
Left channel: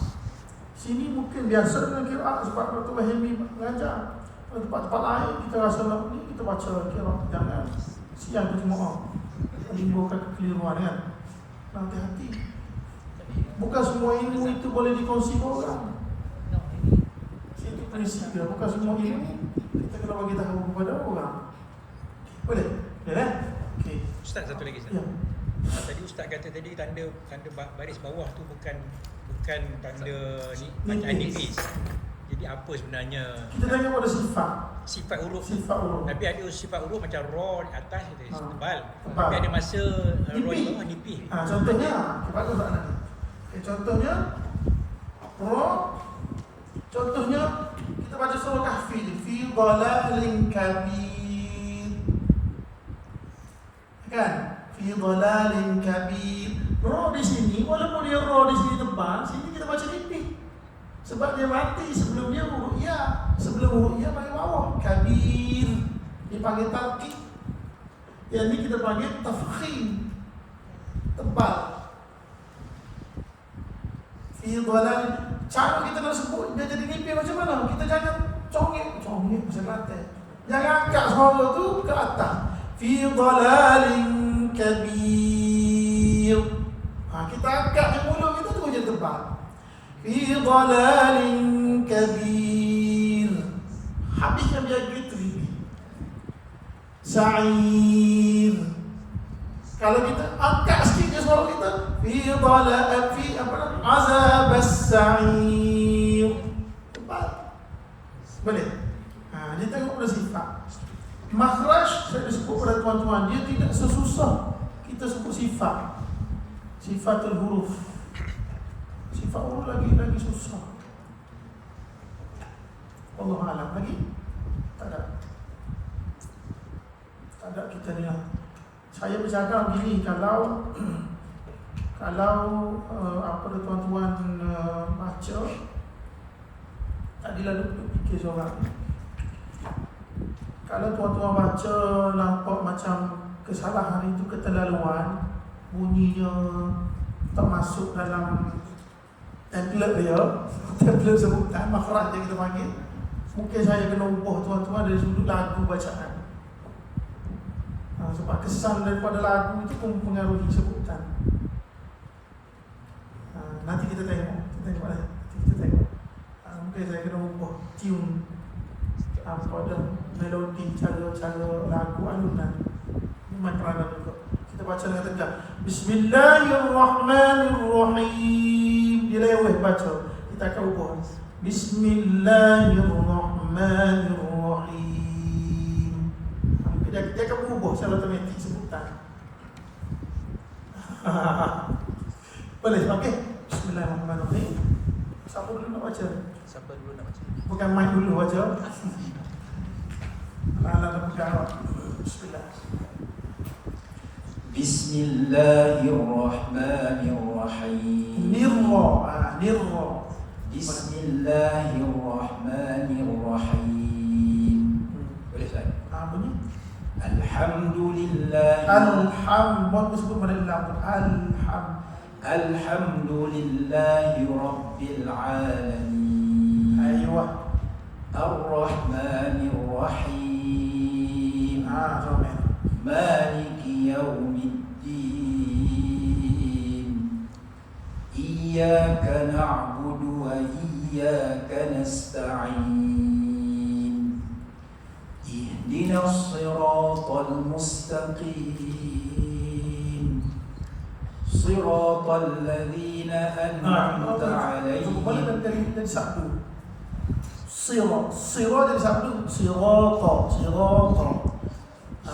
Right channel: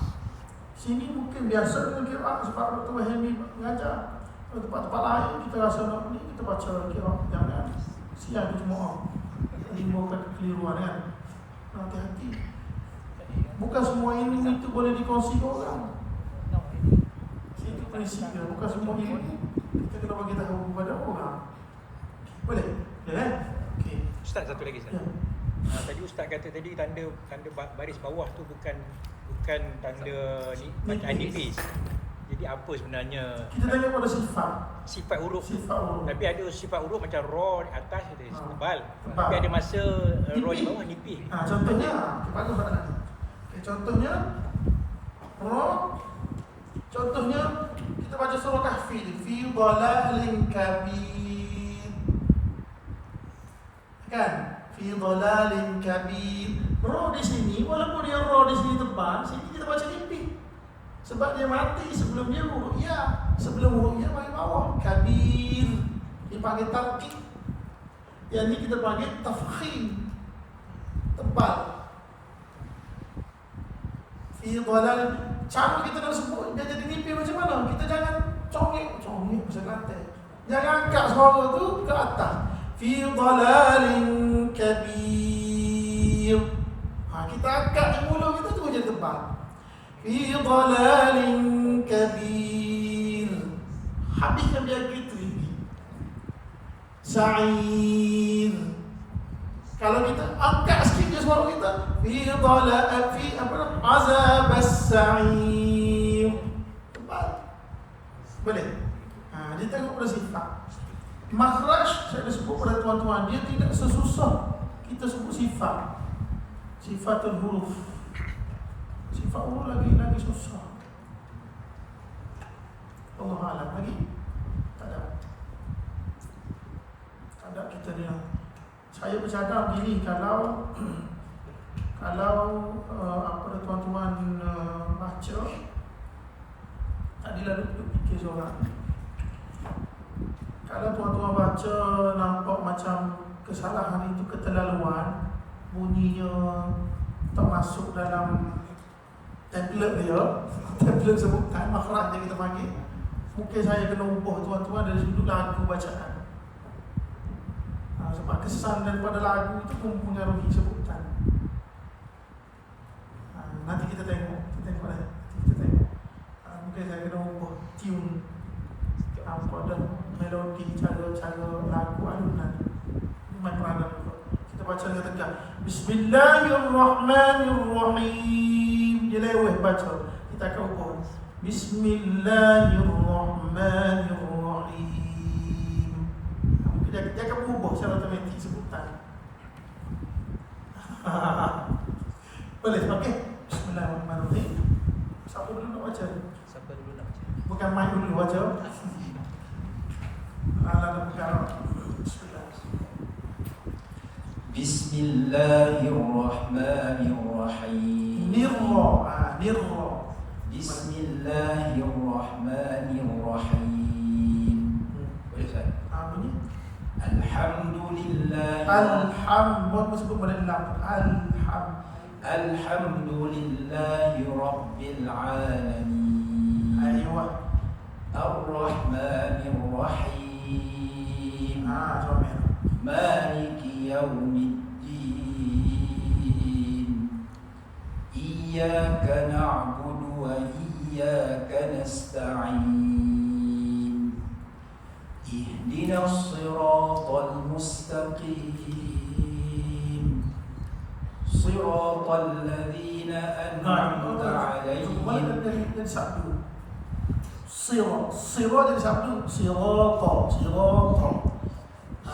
Sini mungkin biasa dengan kira sebab Dr. Wahimi mengajar. Tempat-tempat lain kita rasa ni kita baca kira jangan siang ke jemaah. Menimbulkan kekeliruan kan. Hati-hati. Bukan semua ilmu itu boleh dikongsi ke orang. Itu prinsip dia. Bukan semua ilmu kita kena bagi tahu kepada orang. Boleh? Boleh kan? Okey. Ustaz, satu lagi Ustaz. Ya. Tadi Ustaz kata tadi tanda baris bawah tu bukan tanda nipis. Jadi apa sebenarnya? Kita tengok pada sifat huruf. Sifat huruf. Tapi ada sifat huruf macam ra di atas dia tebal. Tebal. Tapi ada masa ra di bawah nipis. Contohnya, kepada soalan nanti. Contohnya ra. Contohnya kita baca surah Kahfi ni, fi dhalalin kabir. Kan? Fi dhalalin kabir. Ra di sini, walaupun dia ra di sini tebal, sini kita baca nipis. Sebab dia mati sebelum dia ru'yah. Sebelum ru'yah panggil bawah kabir, dipanggil tarkib. Yang ni kita panggil tafkhim, tebal. Fi dhalal. Cara kita kalau sebut dia jadi mimpi macam mana? Kita jangan congek macam kata. Jangan angkat suara tu ke atas. Fi dhalalin kabir. Kita angkat je mulut kita tu je tepat. Fi dhalalin kabir. Habisnya biar gitu ini. Sa'ir. Kalau kita angkat sikit je suara kita, fi dhalal fi azab as-sa'ir. Tepat. Boleh? Dia tengok pada sifat. Makhraj saya dah sebut pada tuan-tuan, dia tidak sesusah kita sebut sifat. Sifatul huruf. Sifat huruf lagi susah. Allah Alam lagi. Tak ada kita dengar. Saya bercakap begini, kalau apa tuan-tuan baca, tadi lalu fikir seorang. Kalau tuan-tuan baca nampak macam kesalahan itu keterlaluan, bunyinya tak masuk dalam template dia, template sebutan makhraj yang kita panggil, mungkin saya kena ubah tuan-tuan dari sudut lagu bacaan. Sebab kesan daripada lagu itu pun mengaruhi sebutan. Nanti kita tengok. Mungkin saya kena ubah tune pada melodi, cara lagu alunan. Memang peranan juga. Kita baca dengan tegak. Bismillahirrahmanirrahim. Dia leweh baca. Kita akan ubah. Bismillahirrahmanirrahim. Dia akan ubah secara otomatik sebutan. Boleh pakai Bismillahirrahmanirrahim. Siapa dulu nak baca? Bukan mic dulu baca. Bismillahirrahmanirrahim. Nirra. Bismillahirrahmanirrahim. Boleh tak? Bunyi. Alhamdulillah. Alhamdulillah sebut pada lam. Alhamdulillahi Rabbil Alamin. Aywa. Ar-Rahmanir-Rahim. Jawab. Maliki Yawmiddin. Iyyaka na'budu wa iyyaka nasta'in. Ihdinas siratal mustaqim. Siratal ladzina an'amta 'alaihim. Dari sabdu. Sirat dari sabdu. Sirata.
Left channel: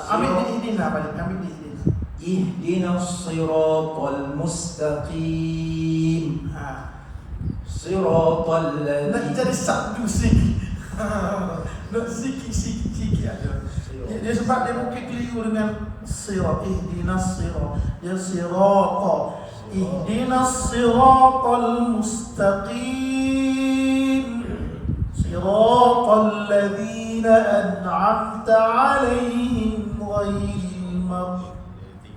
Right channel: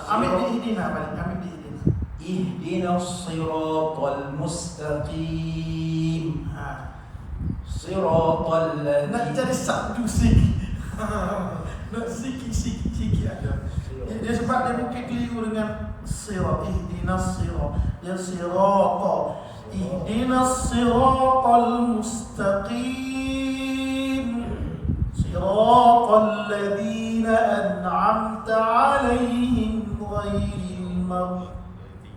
Ambil diihdina balik. Ihdinas siratal mustaqim. Siratal Nak ladzina. jadi sabdu sikit. Nak sikit aja. Dia sebab dia mungkin keliru dengan sirat. Ihdinas sirat. Dia sirata. Ihdinas siratal mustaqim. Siratal ladzina an'amta 'alaihim ghairil maghdubi.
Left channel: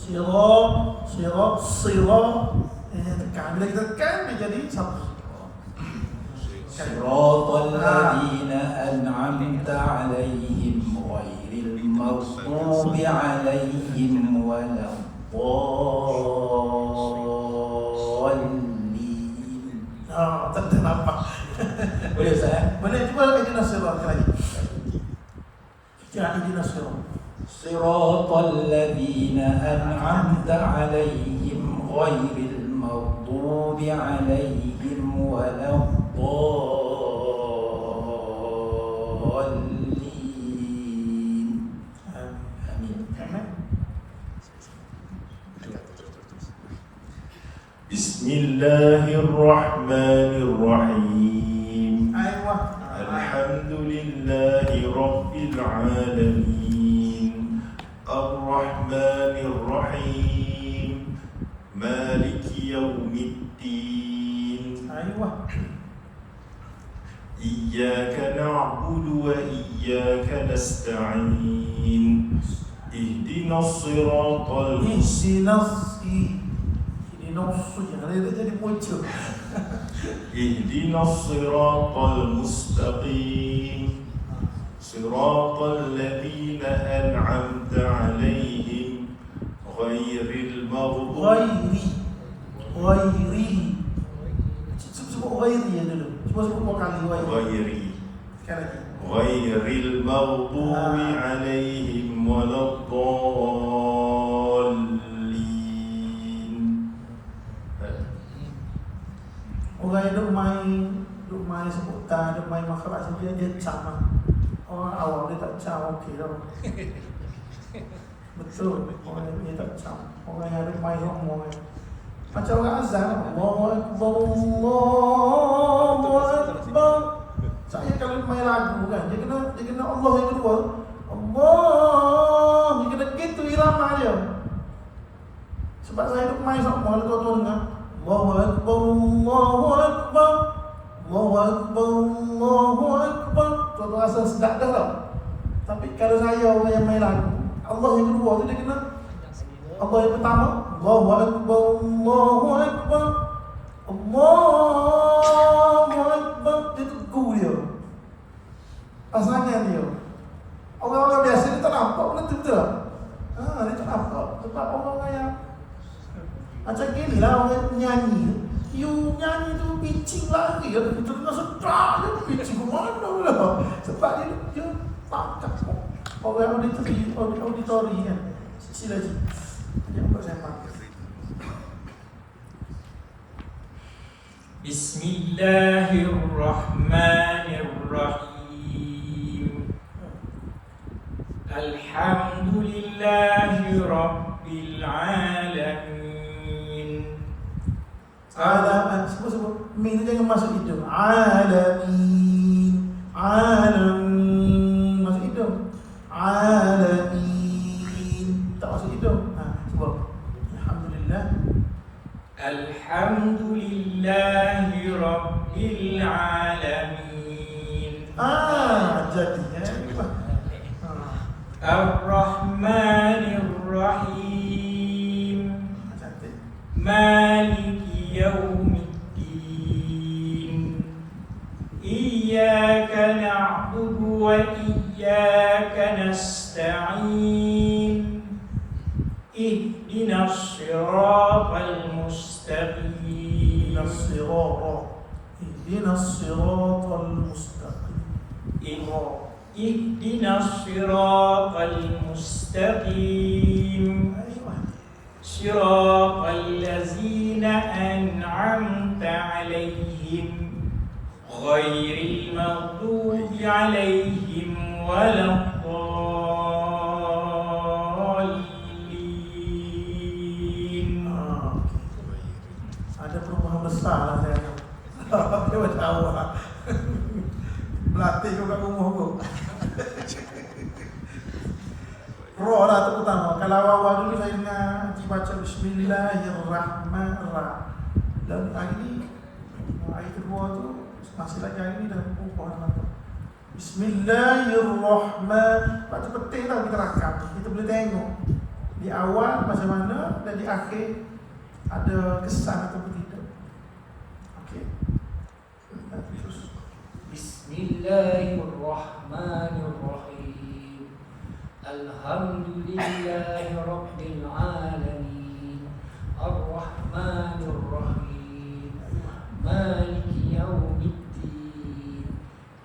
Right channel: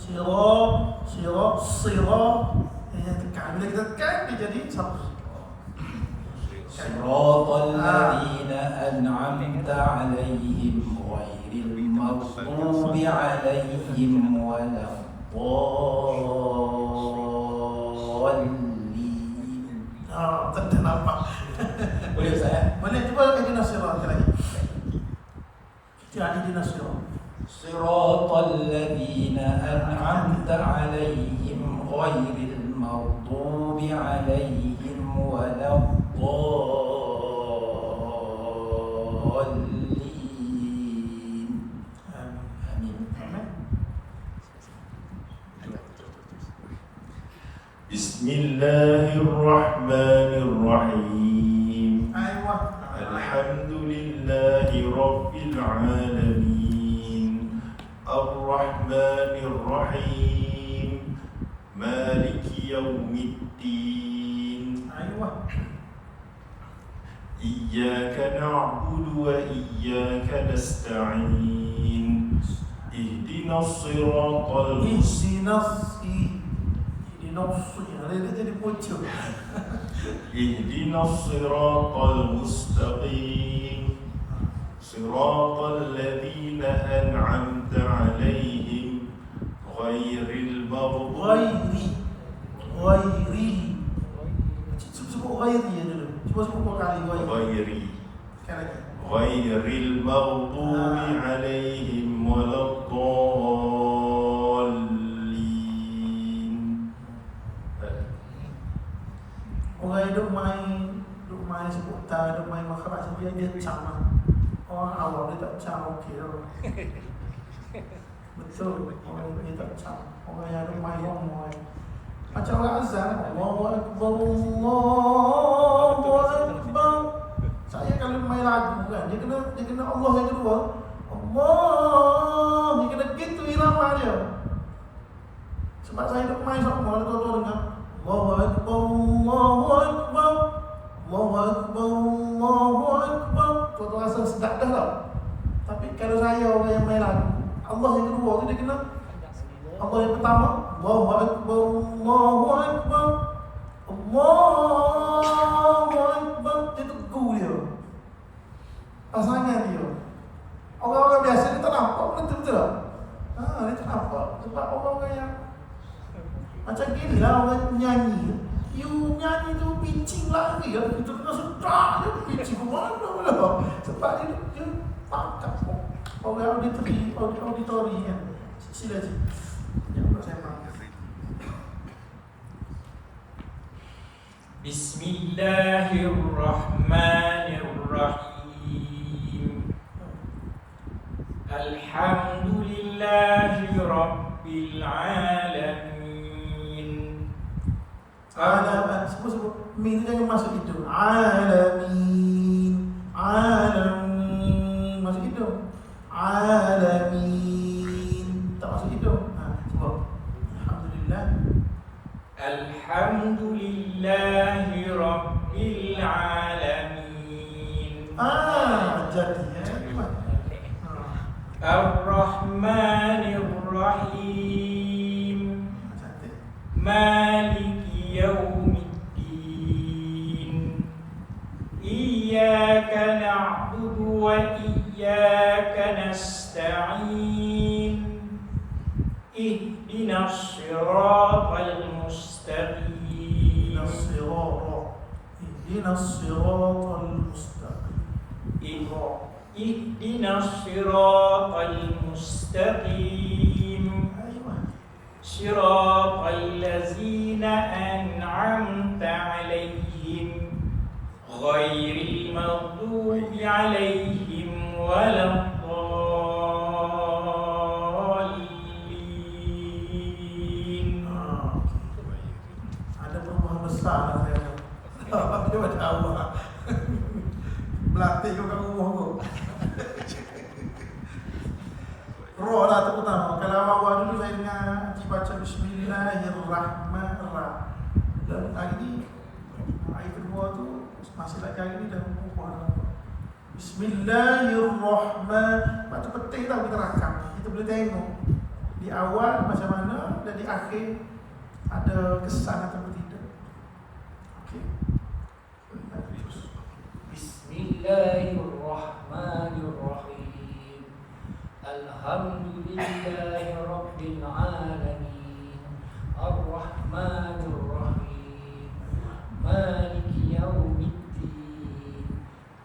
Sirat. Tekan. Bila kita tekan dia jadi sabdu. Siratal ladzina an'amta 'alaihim ghairil maghdubi 'alaihim waladdallin. Tak nampak. Boleh Ustaz? Boleh cuba ihdinas sirat lagi. Ihdinas sirat. Siratal ladzina an'amta 'alaihim ghairil maghdubi 'alaihim waladdallin. Amin. Bismillahirrahmanirrahim. Aywa. Alhamdulillahi Rabbil Alamin. Ar-Rahmanir-Rahim. Maliki Yawmiddin. Aywa. Iyyaka na'budu wa iyyaka nasta'in. Ihdinas siratal mustaqim. Ihdinas. Ihdinas. dia jadi muncul. اهدنا الصراط المستقيم صراط الذين أنعمت عليهم غير المغضوب Ghairi. Sebut ghairi ya dulu. Cuba sebut dua kali ghairi. غير Sekali lagi. غير المغضوب عليهم ولا الضالين. Orang duk main sebutan, duk main makhluk sebenarnya dia sama. Orang awam dia tak sama okey tau. Betul, orang dia tak sama. Orang yang duk main ngomong. Macam orang azan, Allahu Akbar, Allahu Akbar. Saya kalau main lagu kan, dia kena Allah yang kedua. Allah, dia kena gitu irama dia. Sebab saya duk main sama, tuan-tuan dengar. Allahu Akbar, Allahu Akbar, Allahu Akbar, Allahu Akbar. Tuan-tuan rasa sedap dah tau. Tapi kalau saya orang yang main lagu, Allah yang kedua tu dia kena Allah yang pertama, Allahu Akbar, Allahu Akbar, Allahu Akbar. Dia teguh dia. Pasangan dia. Orang-orang biasa dia tak nampak benda tu betul tak? Dia tak nampak. Sebab orang-orang yang macam gini lah orang nyanyi. You nyanyi tu pitching lagi. Kita kena sedap dia pitching ke mana-mana. Sebab dia pakar. Orang auditori kan. Sila je. Yang buat saya faham. Bismillahirrahmanirrahim. Alhamdulillahi Rabbil Alamin. Alamin. Sebut min jangan masuk hidung. Alamin. Alamin. Masuk hidung. Alamin. Tak masuk hidung. Sebut. Alhamdulillah. Alhamdulillahi Rabbil Alamin. Jadi Ar-Rahmanir-Rahim. cantik. Maliki Yawmiddin. Iyyaka na'budu wa iyyaka nasta'in. Ihdinas siratal mustaqim. Ihdinas siratal mustaqim. Ihdinas siratal mustaqim. Siratal ladzina an'amta 'alaihim ghairil maghdubi 'alaihim waladdallin. Ada perubahan besar lah saya. Dia macam awak. Melatih kau kat rumah kau. Roh lah tu pertama. Kalau awal dulu saya dengar Haji baca Bismillahirrahmanirrahim. Dan hari ni ayat kedua tu masih lagi hari ni dah perempuan. Bismillahirrahmanirrahim. Lepas tu penting tau kita rakam. Kita boleh tengok di awal macam mana dan di akhir ada kesan atau tidak. Okey. Bismillahirrahmanirrahim. Alhamdulillahi Rabbil Alamin. Ar-Rahmanir-Rahim. Maliki Yawmiddin.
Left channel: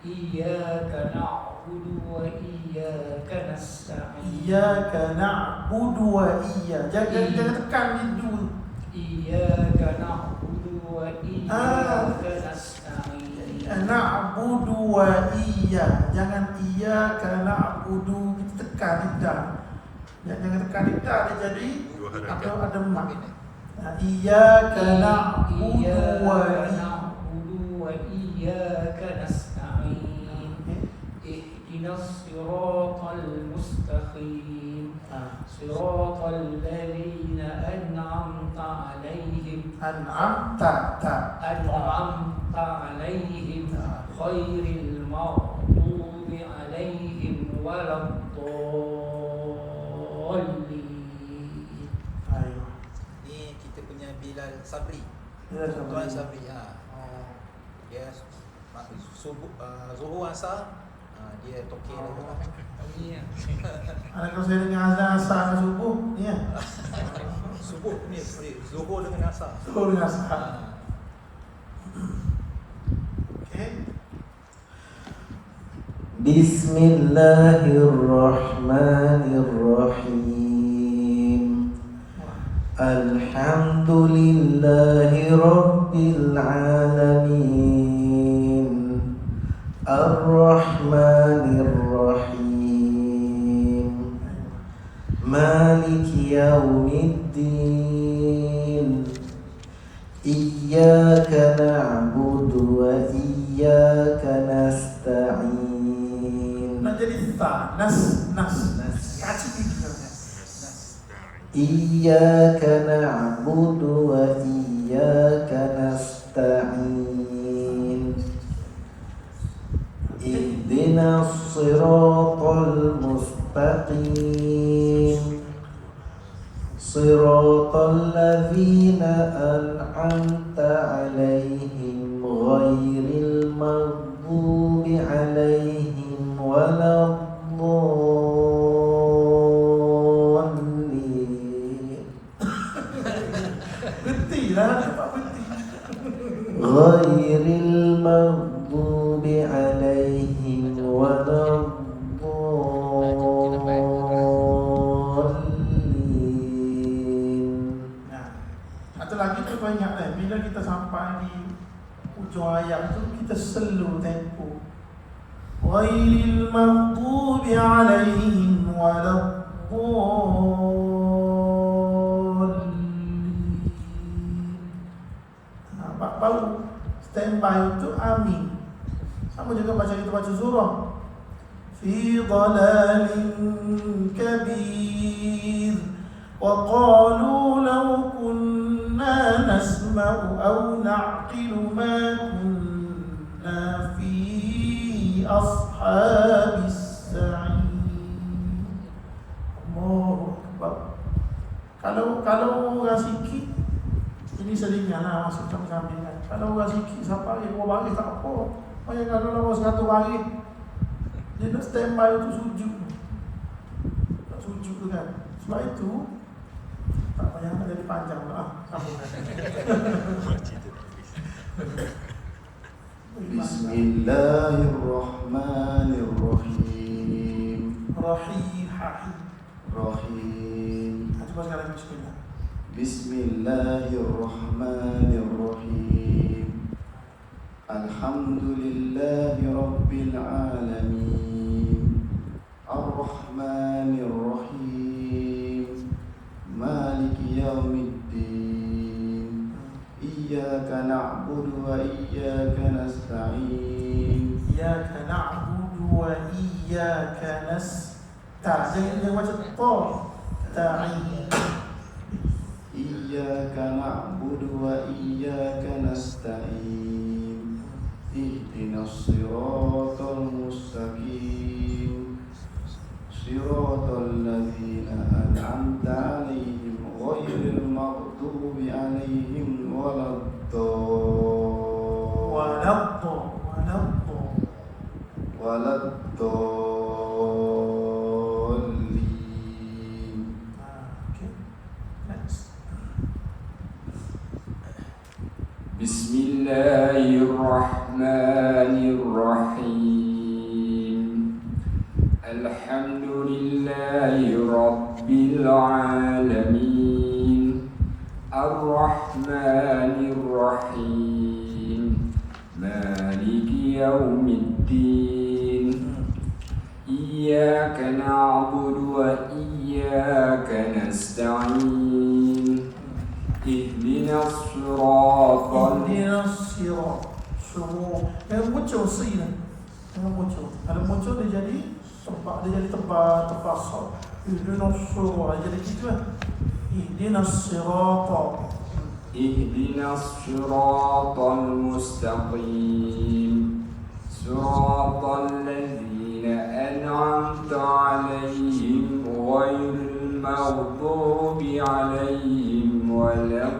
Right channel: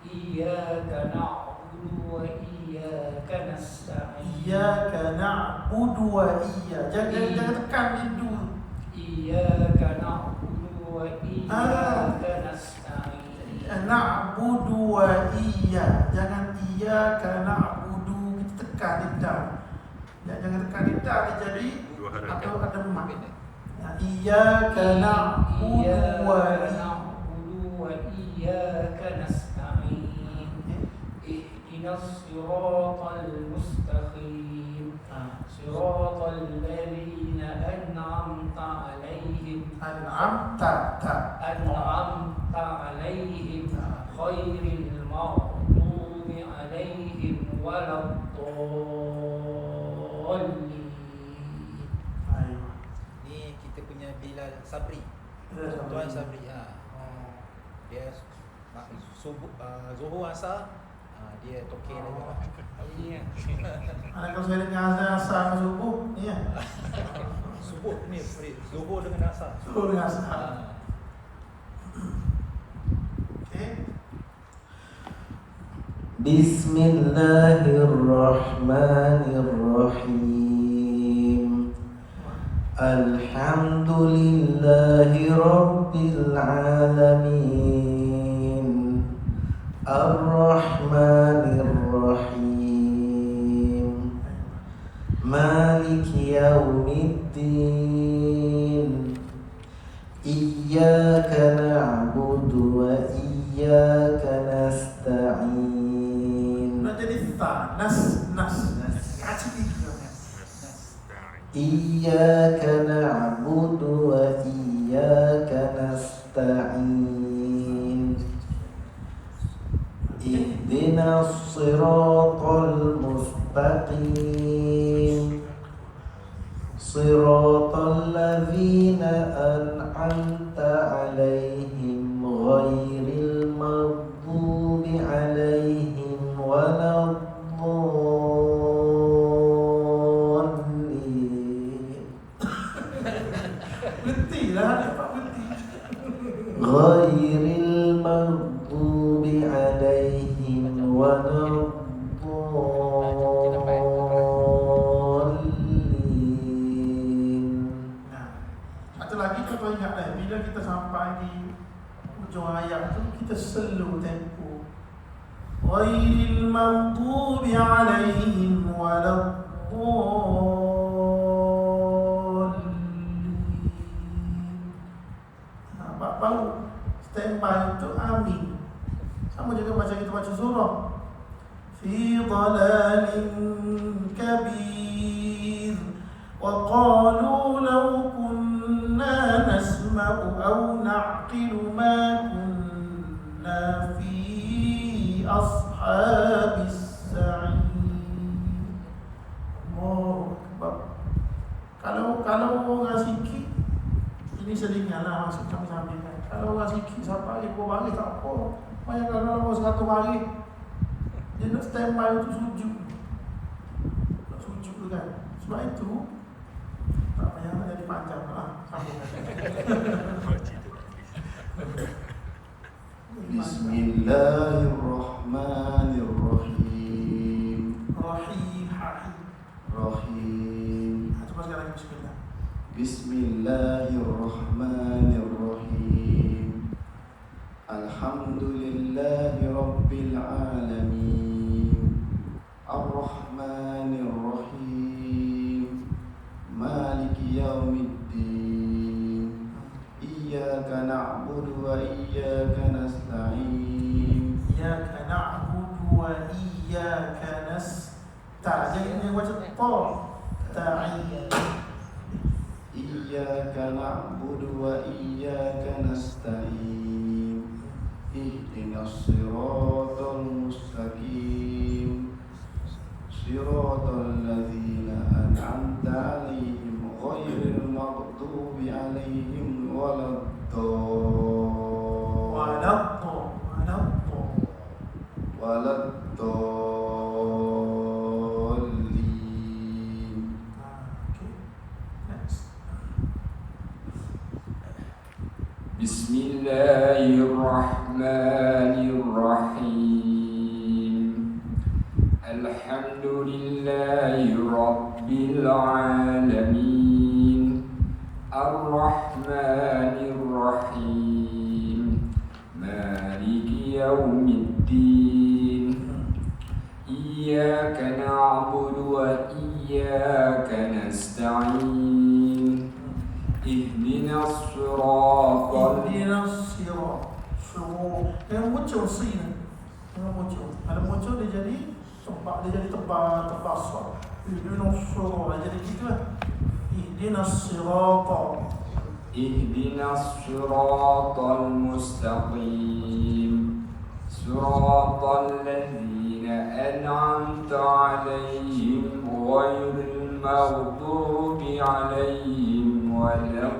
Iyyaka na'budu wa iyyaka nasta'in. Iyyaka na'budu wa iyyaka. Jangan tekan di dulu. Iyyaka na'budu wa iyyaka nasta'in. Na'budu wa iyyaka. Jangan iyyaka na'budu kita tekan lidah. Jangan tekan lidah dia jadi ada mak. Iyyaka na'budu wa iyyaka nasta'in. Ihdinas siratal mustaqim. Siratal ladzina an'amta 'alaihim an'amta alaihim ghairil maghdubi alaihim waladdallin. Ayo. Ni kita punya Bilal Sabri. Tuan Sabri dia subuh Zuhur Asar dia tokey dia. Kalau saya dengar asar dengan subuh, ya. Subuh ni Zuhur dengan Asar. Subuh dengan asar. Okey. Bismillahirrahmanirrahim. Alhamdulillahi Rabbil Alamin. Ar-Rahmanir-Rahim. Maliki Yawmiddin. Iyyaka na'budu wa iyyaka nasta'in. Nak jadi ta, nas. Kaci kita. Iyyaka na'budu wa iyyaka nasta'in. Ihdinas siratal mustaqim. Siratal ladzina an'amta 'alaihim ghairil maghdubi 'alaihim waladdallin. Berhenti lah, dapat berhenti. Ghairil maghdubi 'alaihim waladdallin. Satu lagi tu kau ingat bila kita sampai di ujung ayat tu kita slow tempo. Ghairil maghdubi 'alaihim waladdallin. Baru standby untuk amin. Sama juga baca kita baca surah. Fi dhalalin kabir. وقالوا لو كنا نسمع أو نعقل ما كنا في أصحاب السعير. Allahu Akbar. Kalau orang sikit ini selinganlah masuk sambil. Kalau orang sikit sampai ibu bagi tak apa. Bayangkan kalau orang 100 hari dia nak standby untuk sujud. Sujud tu kan. Sebab itu tak payah menjadi panjang lah. Bismillahirrahmanirrahim. Rahim. Rahim. Coba sekarang bismillah. Bismillahirrahmanirrahim. Alhamdulillahi Rabbil Alamin. Ar-Rahmanir-Rahim. Maliki Yawmiddin. Iyyaka na'budu wa iyyaka nasta'in. Iyyaka na'budu wa iyyaka nasta'in. Jangan baca ta. Ta'in. Iyyaka na'budu wa iyyaka nasta'in. Ihdinas siratal mustaqim. Siratal ladzina an'amta 'alaihim ghairil maghdubi 'alaihim waladdallin. Okay. Next. Bismillahirrahmanirrahim. Alhamdulillahi Rabbil Alamin. Ar-Rahmanir-Rahim. Maliki Yawmiddin. Iyyaka na'budu wa iyyaka nasta'in. Ihdinas siratal Ihdinas sirat. Semua yang muncul sini. Yang muncul. Kalau muncul dia jadi sebab dia jadi tebal sok. Ihdinas sirat jadi gitu lah. Ihdinas sirat. Ihdinas siratal mustaqim. Siratal ladzina an'amta 'alaihim ghairil maghdubi 'alaihim waladdallin.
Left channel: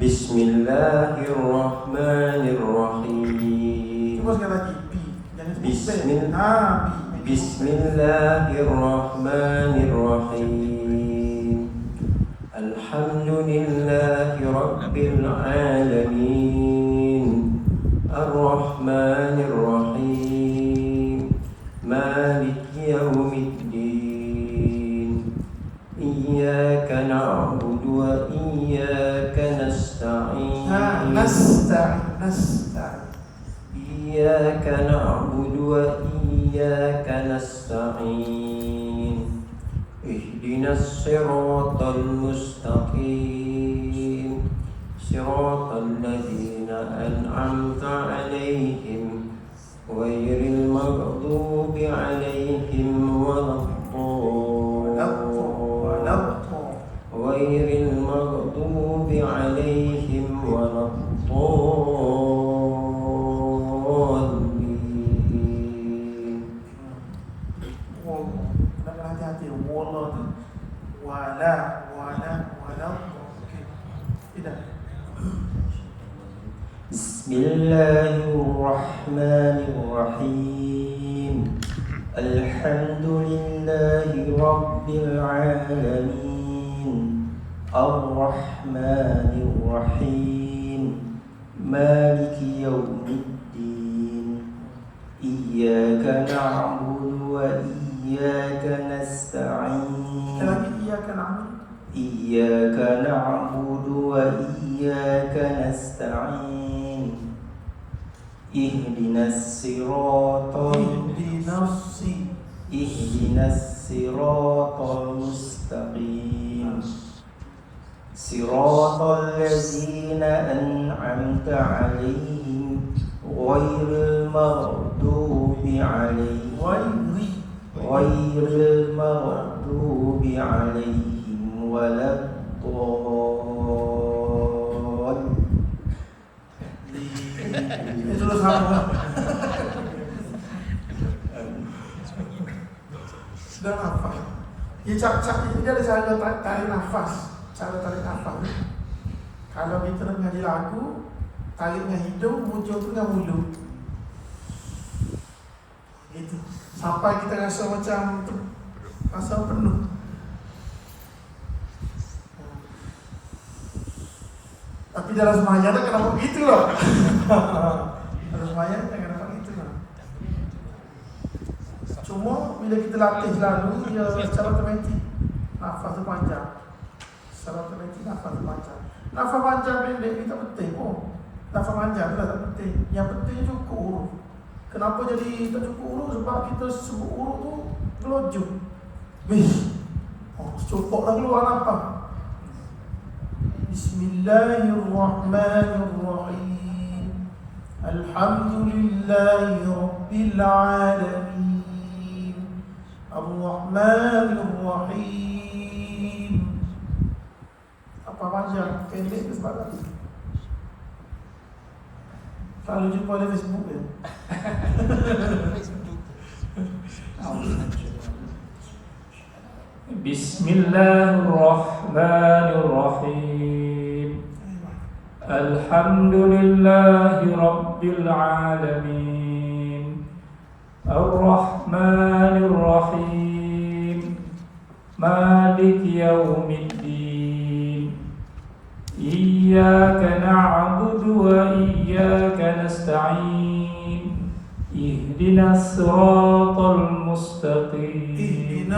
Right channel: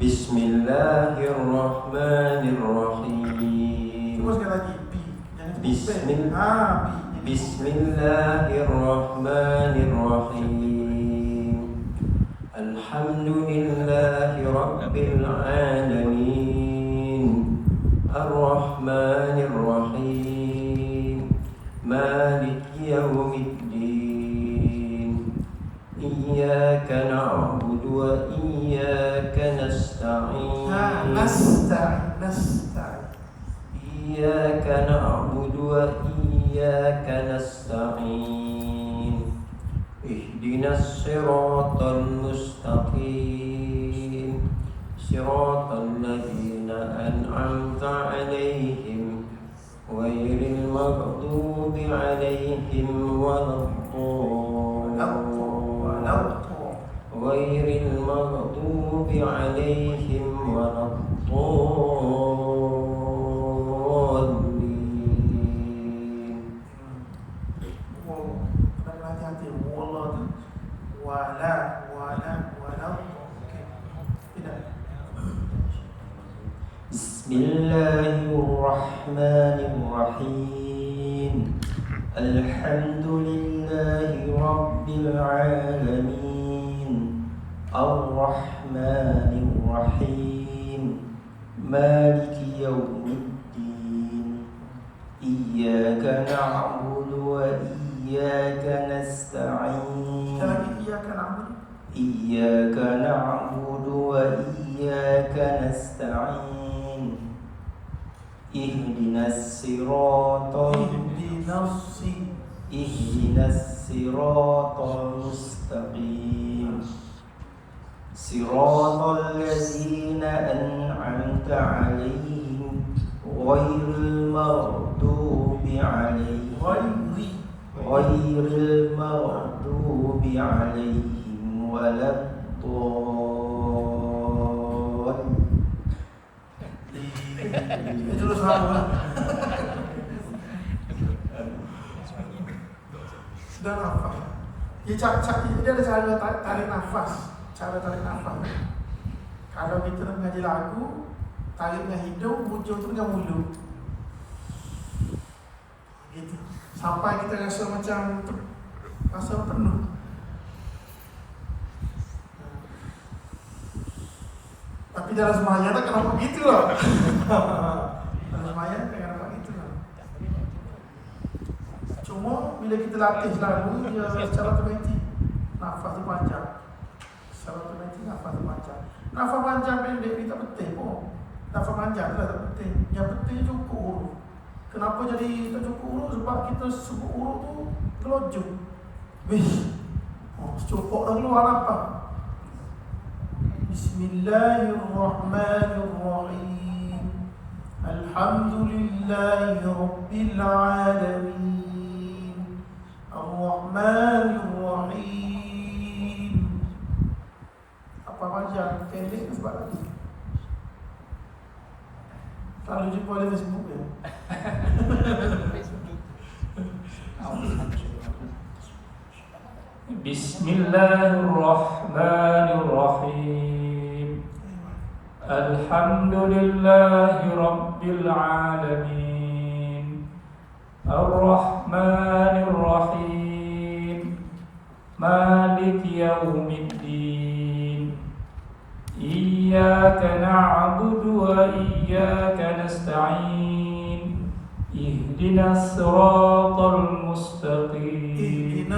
Bismillahirrahmanirrahim. Coba sekali lagi. Bi. Jangan sebut Bismillah. bi. Bismillahirrahmanirrahim. Alhamdulillahi Rabbil Alamin. Ar-Rahmanir-Rahim. Maliki Yawmiddin. Iyyaka na'budu wa iyyaka nasta'in. Nasta'in. Iyyaka na'budu wa iyyaka nasta'in. Ihdinas siratal mustaqim. Siratal ladzina an'amta 'alaihim ghairil maghdubi 'alaihim ghairil maghdubi 'alaihim waladdallin. Hati-hati. Wala tu. Wala. Okey. Tidak. Bismillahirrahmanirrahim. Alhamdulillahi Rabbil Alamin. Ar-Rahmanir-Rahim. Maliki Yawmiddin. Iyyaka na'budu wa iyyaka nasta'in. Sekali lagi. Iyyaka na'budu. Iyyaka na'budu wa iyyaka nasta'in. Ihdinas siratal mustaqim. Siratal ladzina an'amta 'alaihim ghairil maghdubi 'alaihim waladdallin. Itu sama. Sudah nafas. Ya, ini ada cara tarik nafas. Kalau kita mengaji lagu, tariknya hidung, hujung tu dengan mulut. Itu sampai kita rasa macam rasa penuh. Tapi dalam sembahyang tak kena begitu loh. Dalam sembahyang tak kena begitu loh. Cuma bila kita latih lalu, dia secara otomatik nafas tu panjang. Secara otomatik nafas tu panjang. Nafas panjang pendek ni tak penting pun. Nafas panjang tu tak penting. Yang penting cukup huruf. Kenapa jadi tak cukup huruf? Sebab kita sebut huruf tu kelojong. Cukup dah keluar apa? Bismillahirrahmanirrahim. Alhamdulillahi Rabbil Alamin. Ar-Rahmanir-Rahim. Apa panjang? Pendek ke sebab tadi? Kalau jumpa oleh Facebook ya. Bismillahirrahmanirrahim. Alhamdulillahi Rabbil Alamin. Ar-Rahmanir-Rahim. Maliki Yawmiddin. Iyyaka na'budu wa iyyaka nasta'in. Ihdinas siratal mustaqim.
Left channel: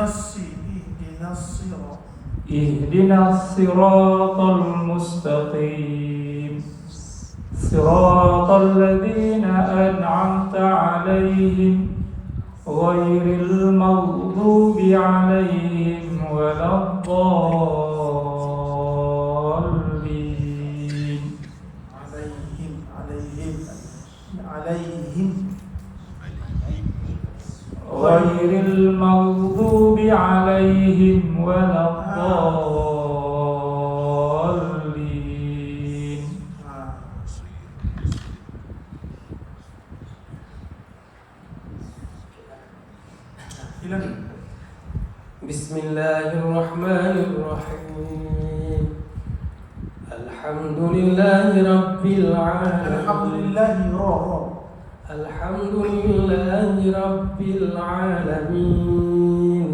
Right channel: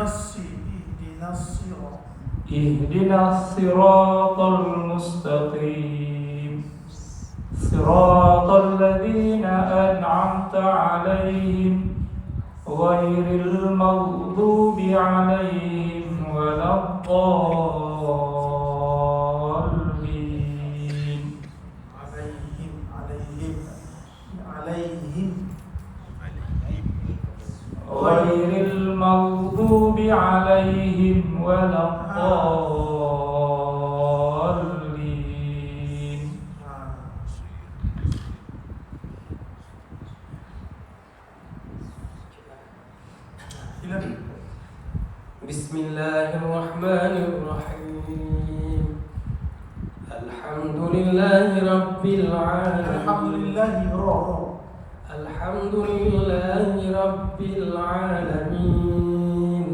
Ihdinas siratal mustaqim. Siratal ladzina an'amta 'alaihim ghairil maghdubi 'alaihim waladdallin. Ghairil maghdubi 'alaihim waladdallin. Bismillahirrahmanirrahim. الحمد لله رب العالمين Alhamdulillahi roh. الحمد لله رب العالمين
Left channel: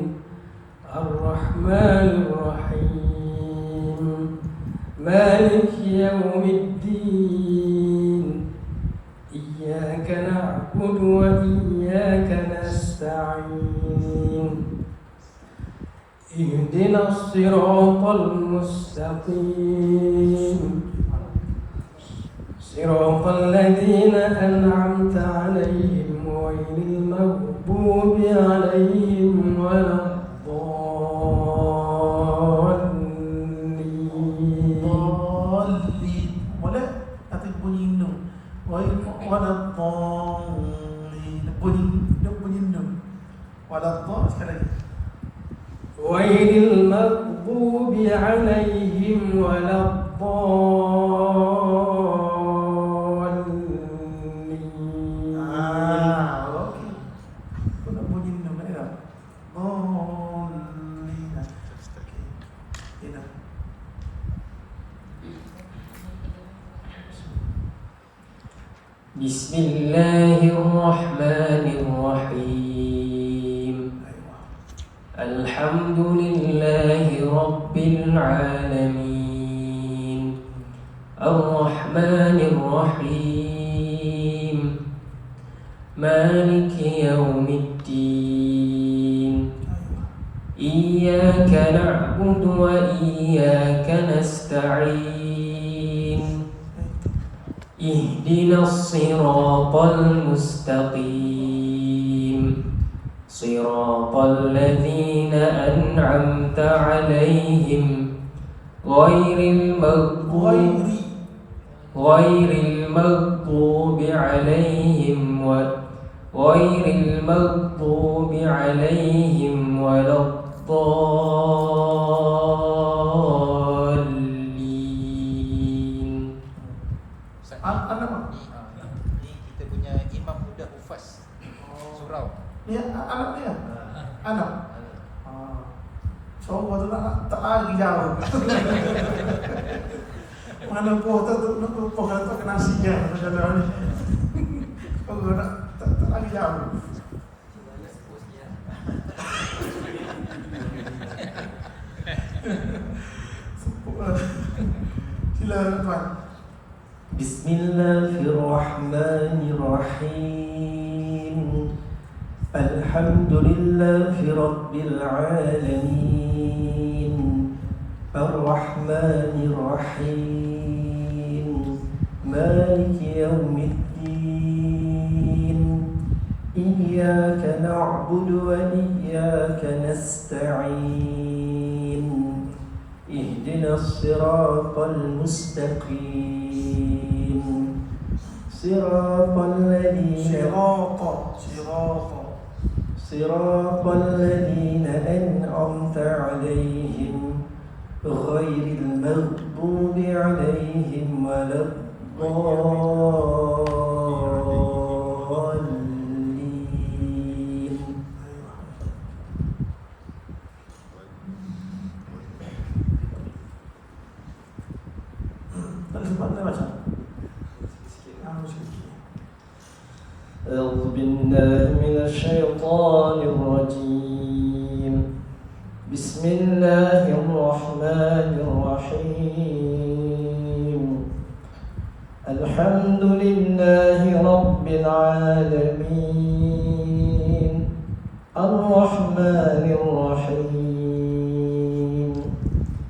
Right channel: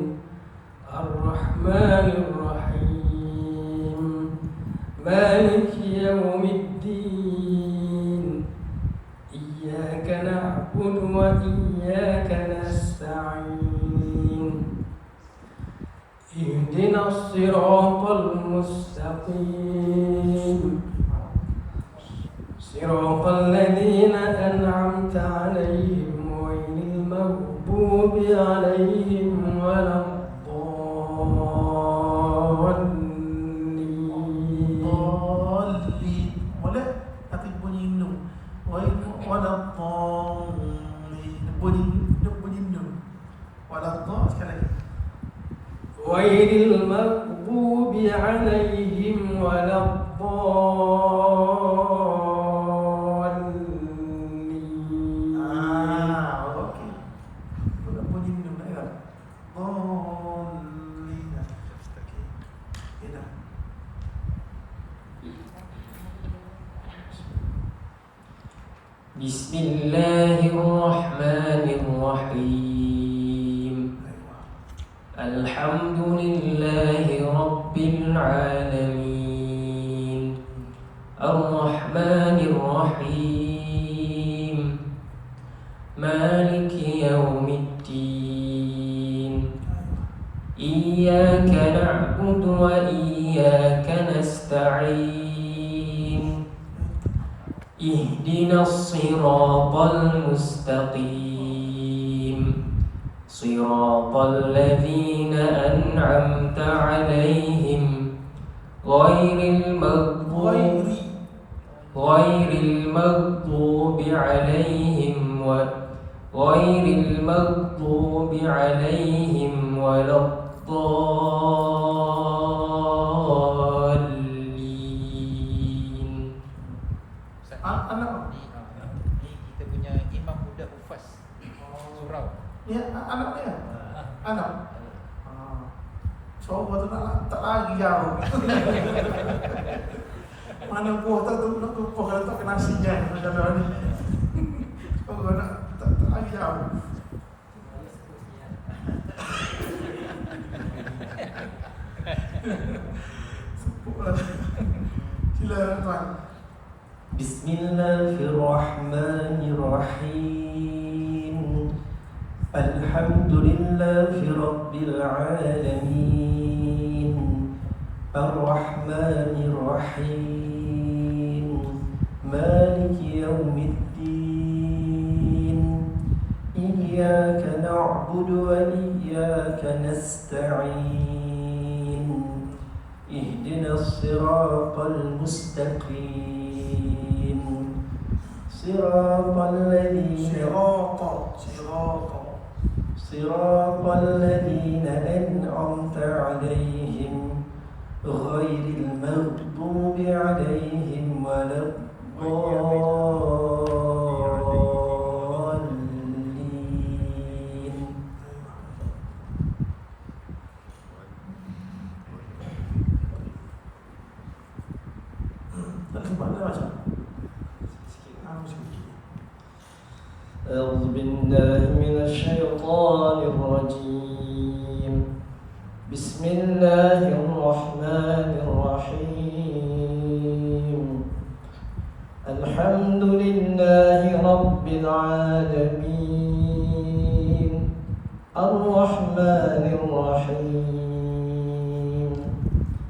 الرحمن الرحيم مالك يوم الدين إياك نعبد وإياك نستعين اهدنا الصراط المستقيم صراط الذين أنعمت عليهم غير المغضوب عليهم ولا الضالين Dhalin. Boleh? Tapi bunyi nun. Waladhdallin. Bunyi nun. Waladhdall sekali lagi. غير المغضوب عليهم ولا الضالين Okey. Bunyi nun. Ayo. Dhalin. Okey. Ini. بسم الله الرحمن الرحيم الحمد لله رب العالمين الرحمن الرحيم مالك يوم الدين إياك نعبد وإياك نستعين اهدنا الصراط المستقيم صراط الذين أنعمت عليهم غير المغضوب عليهم ولا الضالين Anak. Ni kita punya imam budak hufaz surau. Ya, anaknya. Anak. Coba tu nak tak lagi jauh. Mana buah tu nak buah tak nasinya macam ni. Coba nak tak lagi jauh. Silakan. بسم الله الرحمن الرحيم الحمد لله رب العالمين الرحمن الرحيم مالك يوم الدين إياك نعبد وإياك نستعين اهدنا الصراط المستقيم صراط الذين أنعمت عليهم غير المغضوب عليهم ولا الضالين أعوذ بالله من الشيطان الرجيم بسم الله الرحمن الرحيم الحمد لله رب العالمين الرحمن الرحيم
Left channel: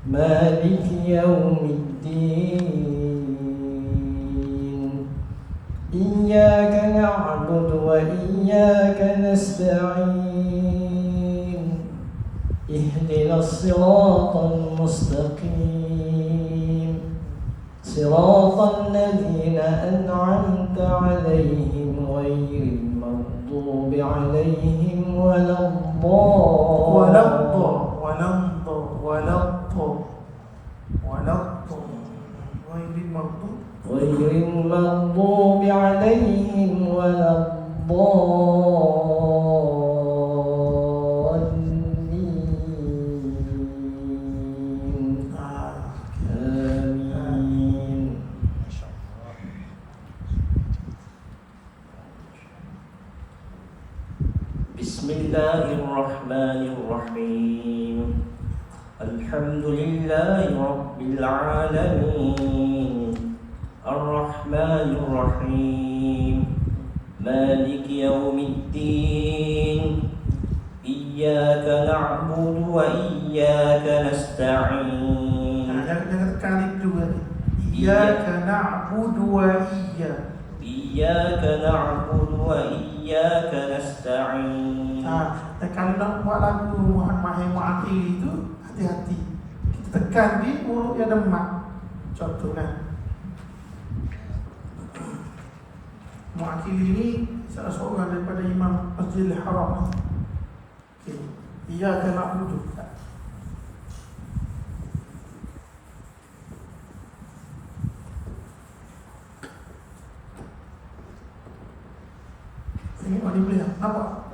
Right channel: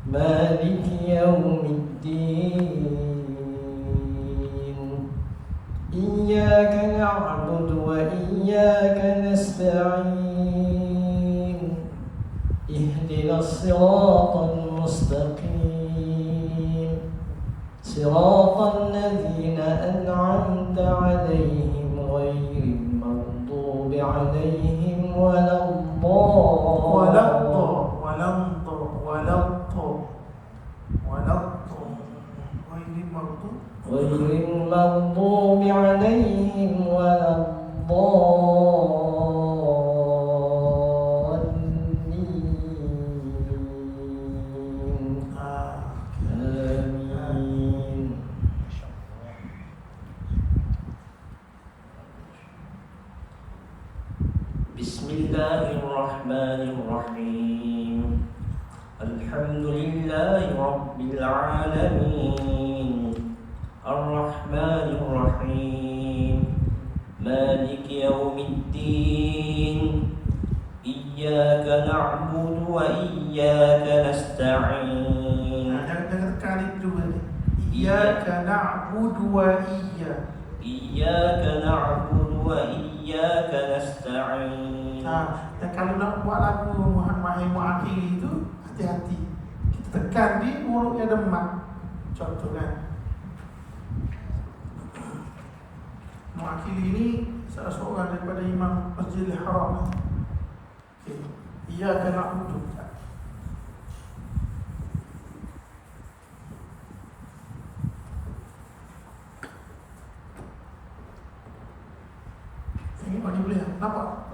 مالك يوم الدين إياك نعبد وإياك نستعين اهدنا الصراط المستقيم صراط الذين أنعمت عليهم غير المغضوب عليهم ولا الضالين الله الرحمن الرحيم الحمد لله رب العالمين الرحمن الرحيم مالك يوم الدين إياك نعبد وإياك نستعين Jangan tekan itu tadi. Iyyaka na'budu wa iyyaka. إياك نعبد وإياك نستعين. Dan kalau nak buat lagu Muhammad yang mu'akhir itu, hati-hati. Kita tekan di huruf yang ada mat. Contoh kan. Mu'akhir ini salah seorang daripada Imam Masjidil Haram. Okay. Iyyaka na'budu. Ini boleh nampak?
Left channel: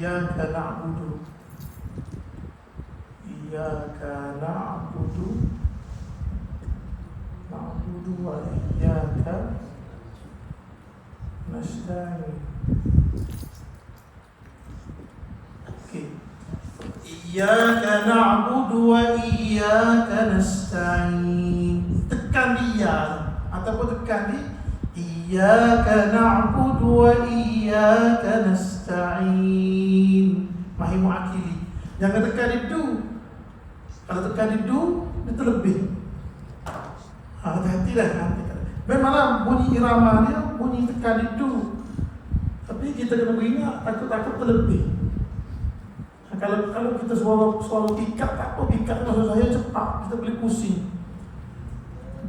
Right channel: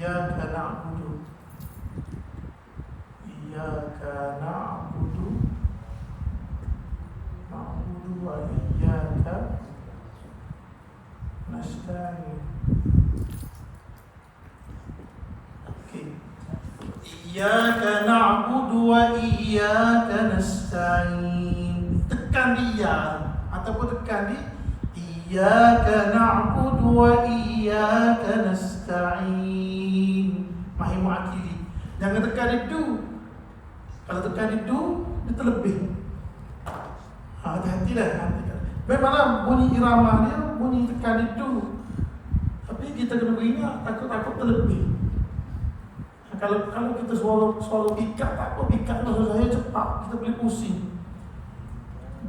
Iyyaka na'budu. Iyyaka na'budu. Na'budu wa iyyaka nasta'in. Okey. Iyyaka na'budu wa iyyaka nasta'in. Tekan dia ataupun tekan di Iyyaka na'budu wa iyyaka nasta'in. Mahim akhiri. Jangan tekan itu. Kalau tekan itu lebih. Hati-hatilah. Memanglah bunyi irama dia, bunyi tekan itu. Tapi kita kena ingat, takut-takut terlebih. Kalau kita suara pikat, tak apa pikat maksud saya cepat, kita boleh pusing.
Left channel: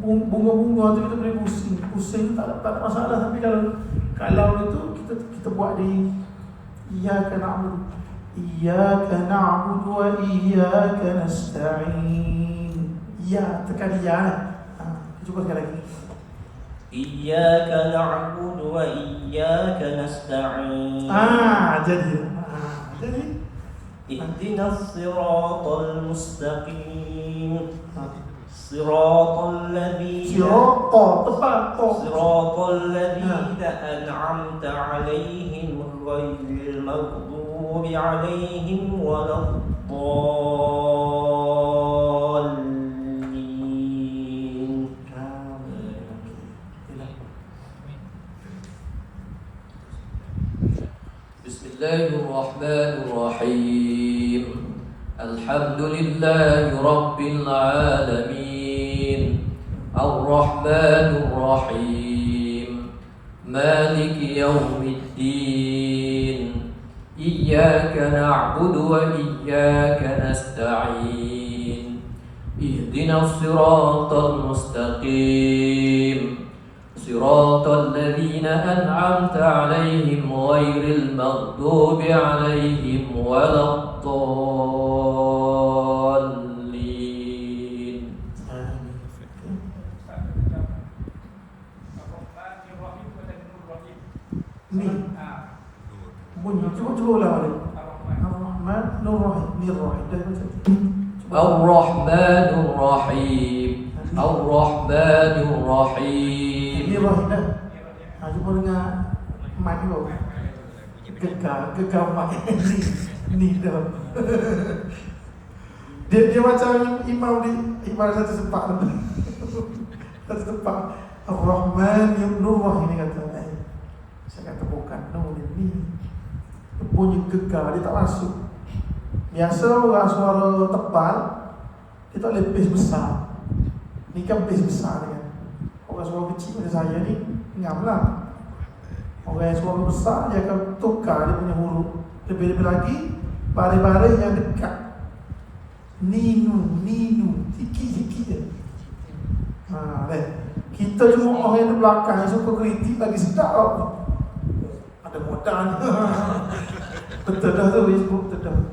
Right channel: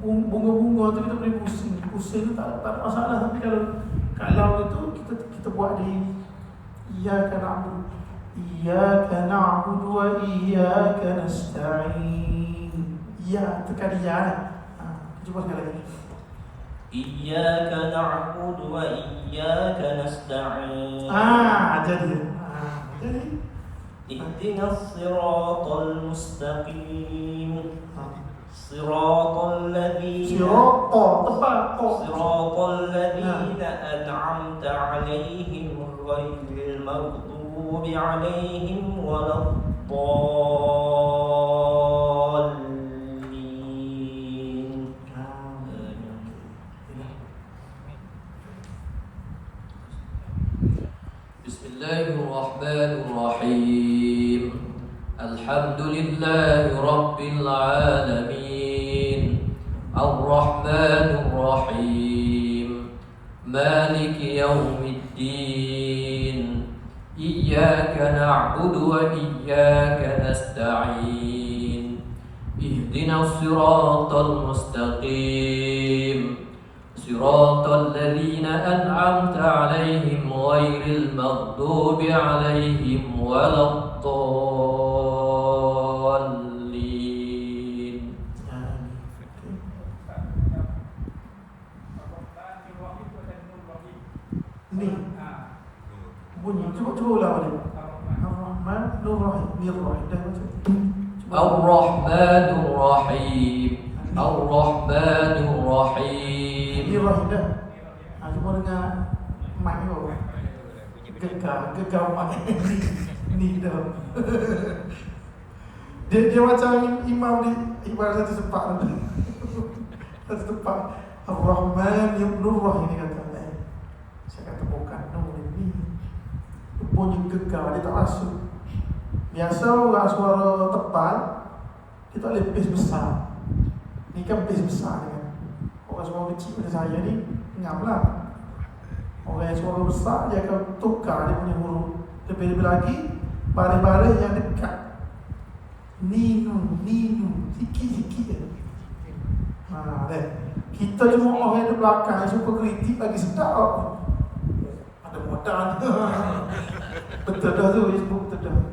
Bunga-bunga tu kita boleh pusing. Pusing tu tak ada masalah. Tapi kalau itu kita buat di Iyyaka na'budu. Iyyaka na'budu wa iyyaka nasta'in. Ya, tekan ya. Cuba sekali lagi. إياك نعبد وإياك نستعين. Jadi اهدنا الصراط المستقيم صراط الذين أنعمت عليهم غير المغضوب عليهم ولا الضالين. بسم الله الرحمن الرحيم الحمد لله رب العالمين الرحمن الرحيم مالك يوم الدين إياك نعبد وإياك نستعين اهدنا الصراط المستقيم صراط الذين أنعمت عليهم غير المغضوب عليهم ولا الضالين. Ni bunyi cuba ulang balik. Ar-Rahman Nur-Rahim. Ni-Rahim. الرحمن الرحيم الرحمن الرحيم. Ni-Rahim dah. Cuba dengar mic tu. Gegar mic. Ni dah. Dia macam imam di ibarat satu tempat. Satu tempat. Ar-Rahman Nur-Rahim ni kata. Saya kata bukan Nur ni. Bunyi gegar dia tak masuk. Biasa orang suara tebal kita boleh pace besar. Ni kan pace besar kan. Orang suara kecil macam saya ni ngaplah. Orang yang suara besar dia akan tukar dia punya huruf. Lebih-lebih lagi baris-baris yang dekat. Ninu, sikit-sikit je. Kita cuma orang yang di belakang yang suka kritik lagi sedap. Ada modal. Betul dah tu, betul dah.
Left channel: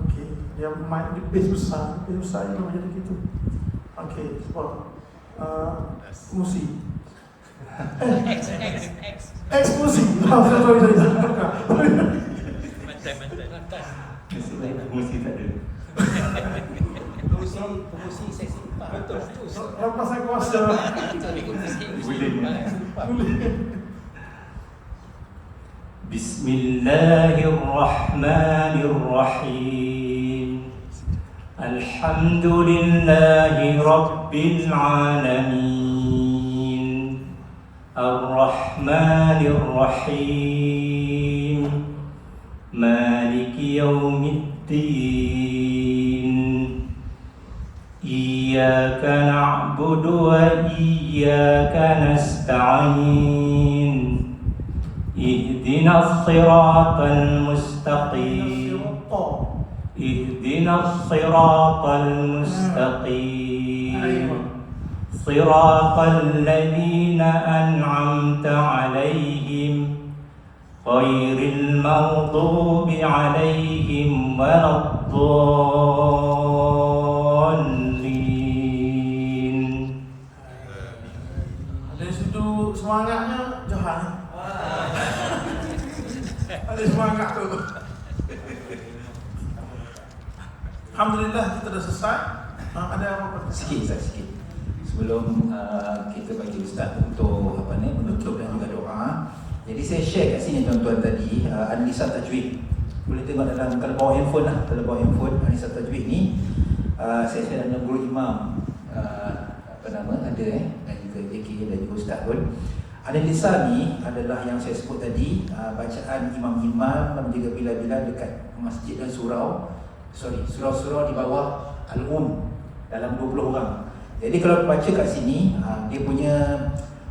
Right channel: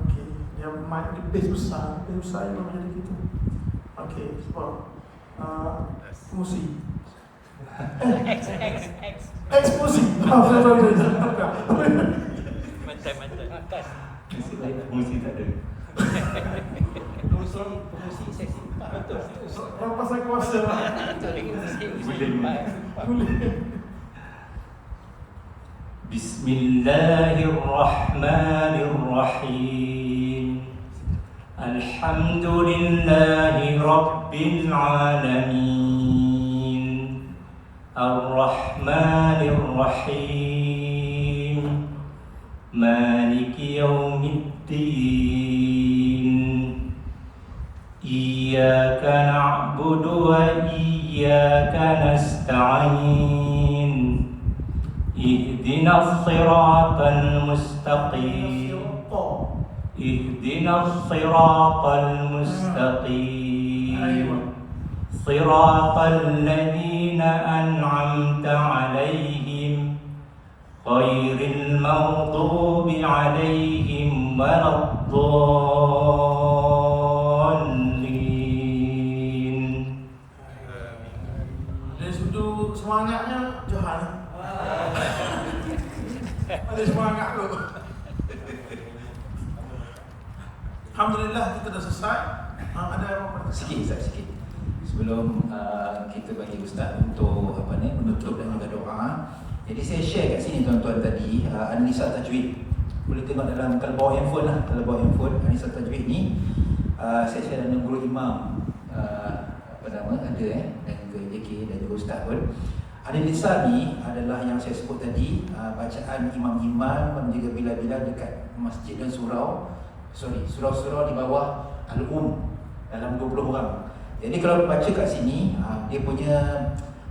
Okey, dia mic di base besar yang menjadi gitu. Okey, sebab musi. Eksposi. Mantan. Musik tak ada. Promosi sesi. Betul. Apa saya kuasa? Boleh. بسم الله الرحمن الرحيم الحمد لله رب العالمين الرحمن الرحيم مالك يوم الدين إياك نعبد وإياك نستعين اهدنا الصراط المستقيم اهدنا الصراط المستقيم صراط الذين أنعمت عليهم غير المغضوب عليهم ولا الضالين. Dari sudut semangatnya Johan. Ada semangat tu. Alhamdulillah kita dah selesai. Ada apa-apa? Sikit Ustaz, sikit. Sebelum kita bagi Ustaz untuk menutup dan juga doa. Jadi saya share kat sini tuan-tuan tadi analisa tajwid. Boleh tengok dalam, kalau bawa handphone lah, kalau bawa handphone analisa tajwid ni saya share dengan guru imam apa nama ada dan juga JK dan juga Ustaz pun. Analisa ni adalah yang saya sebut tadi, bacaan imam-imam dan juga bila-bila dekat masjid dan surau di bawah dalam 20 orang. Jadi kalau baca kat sini, dia punya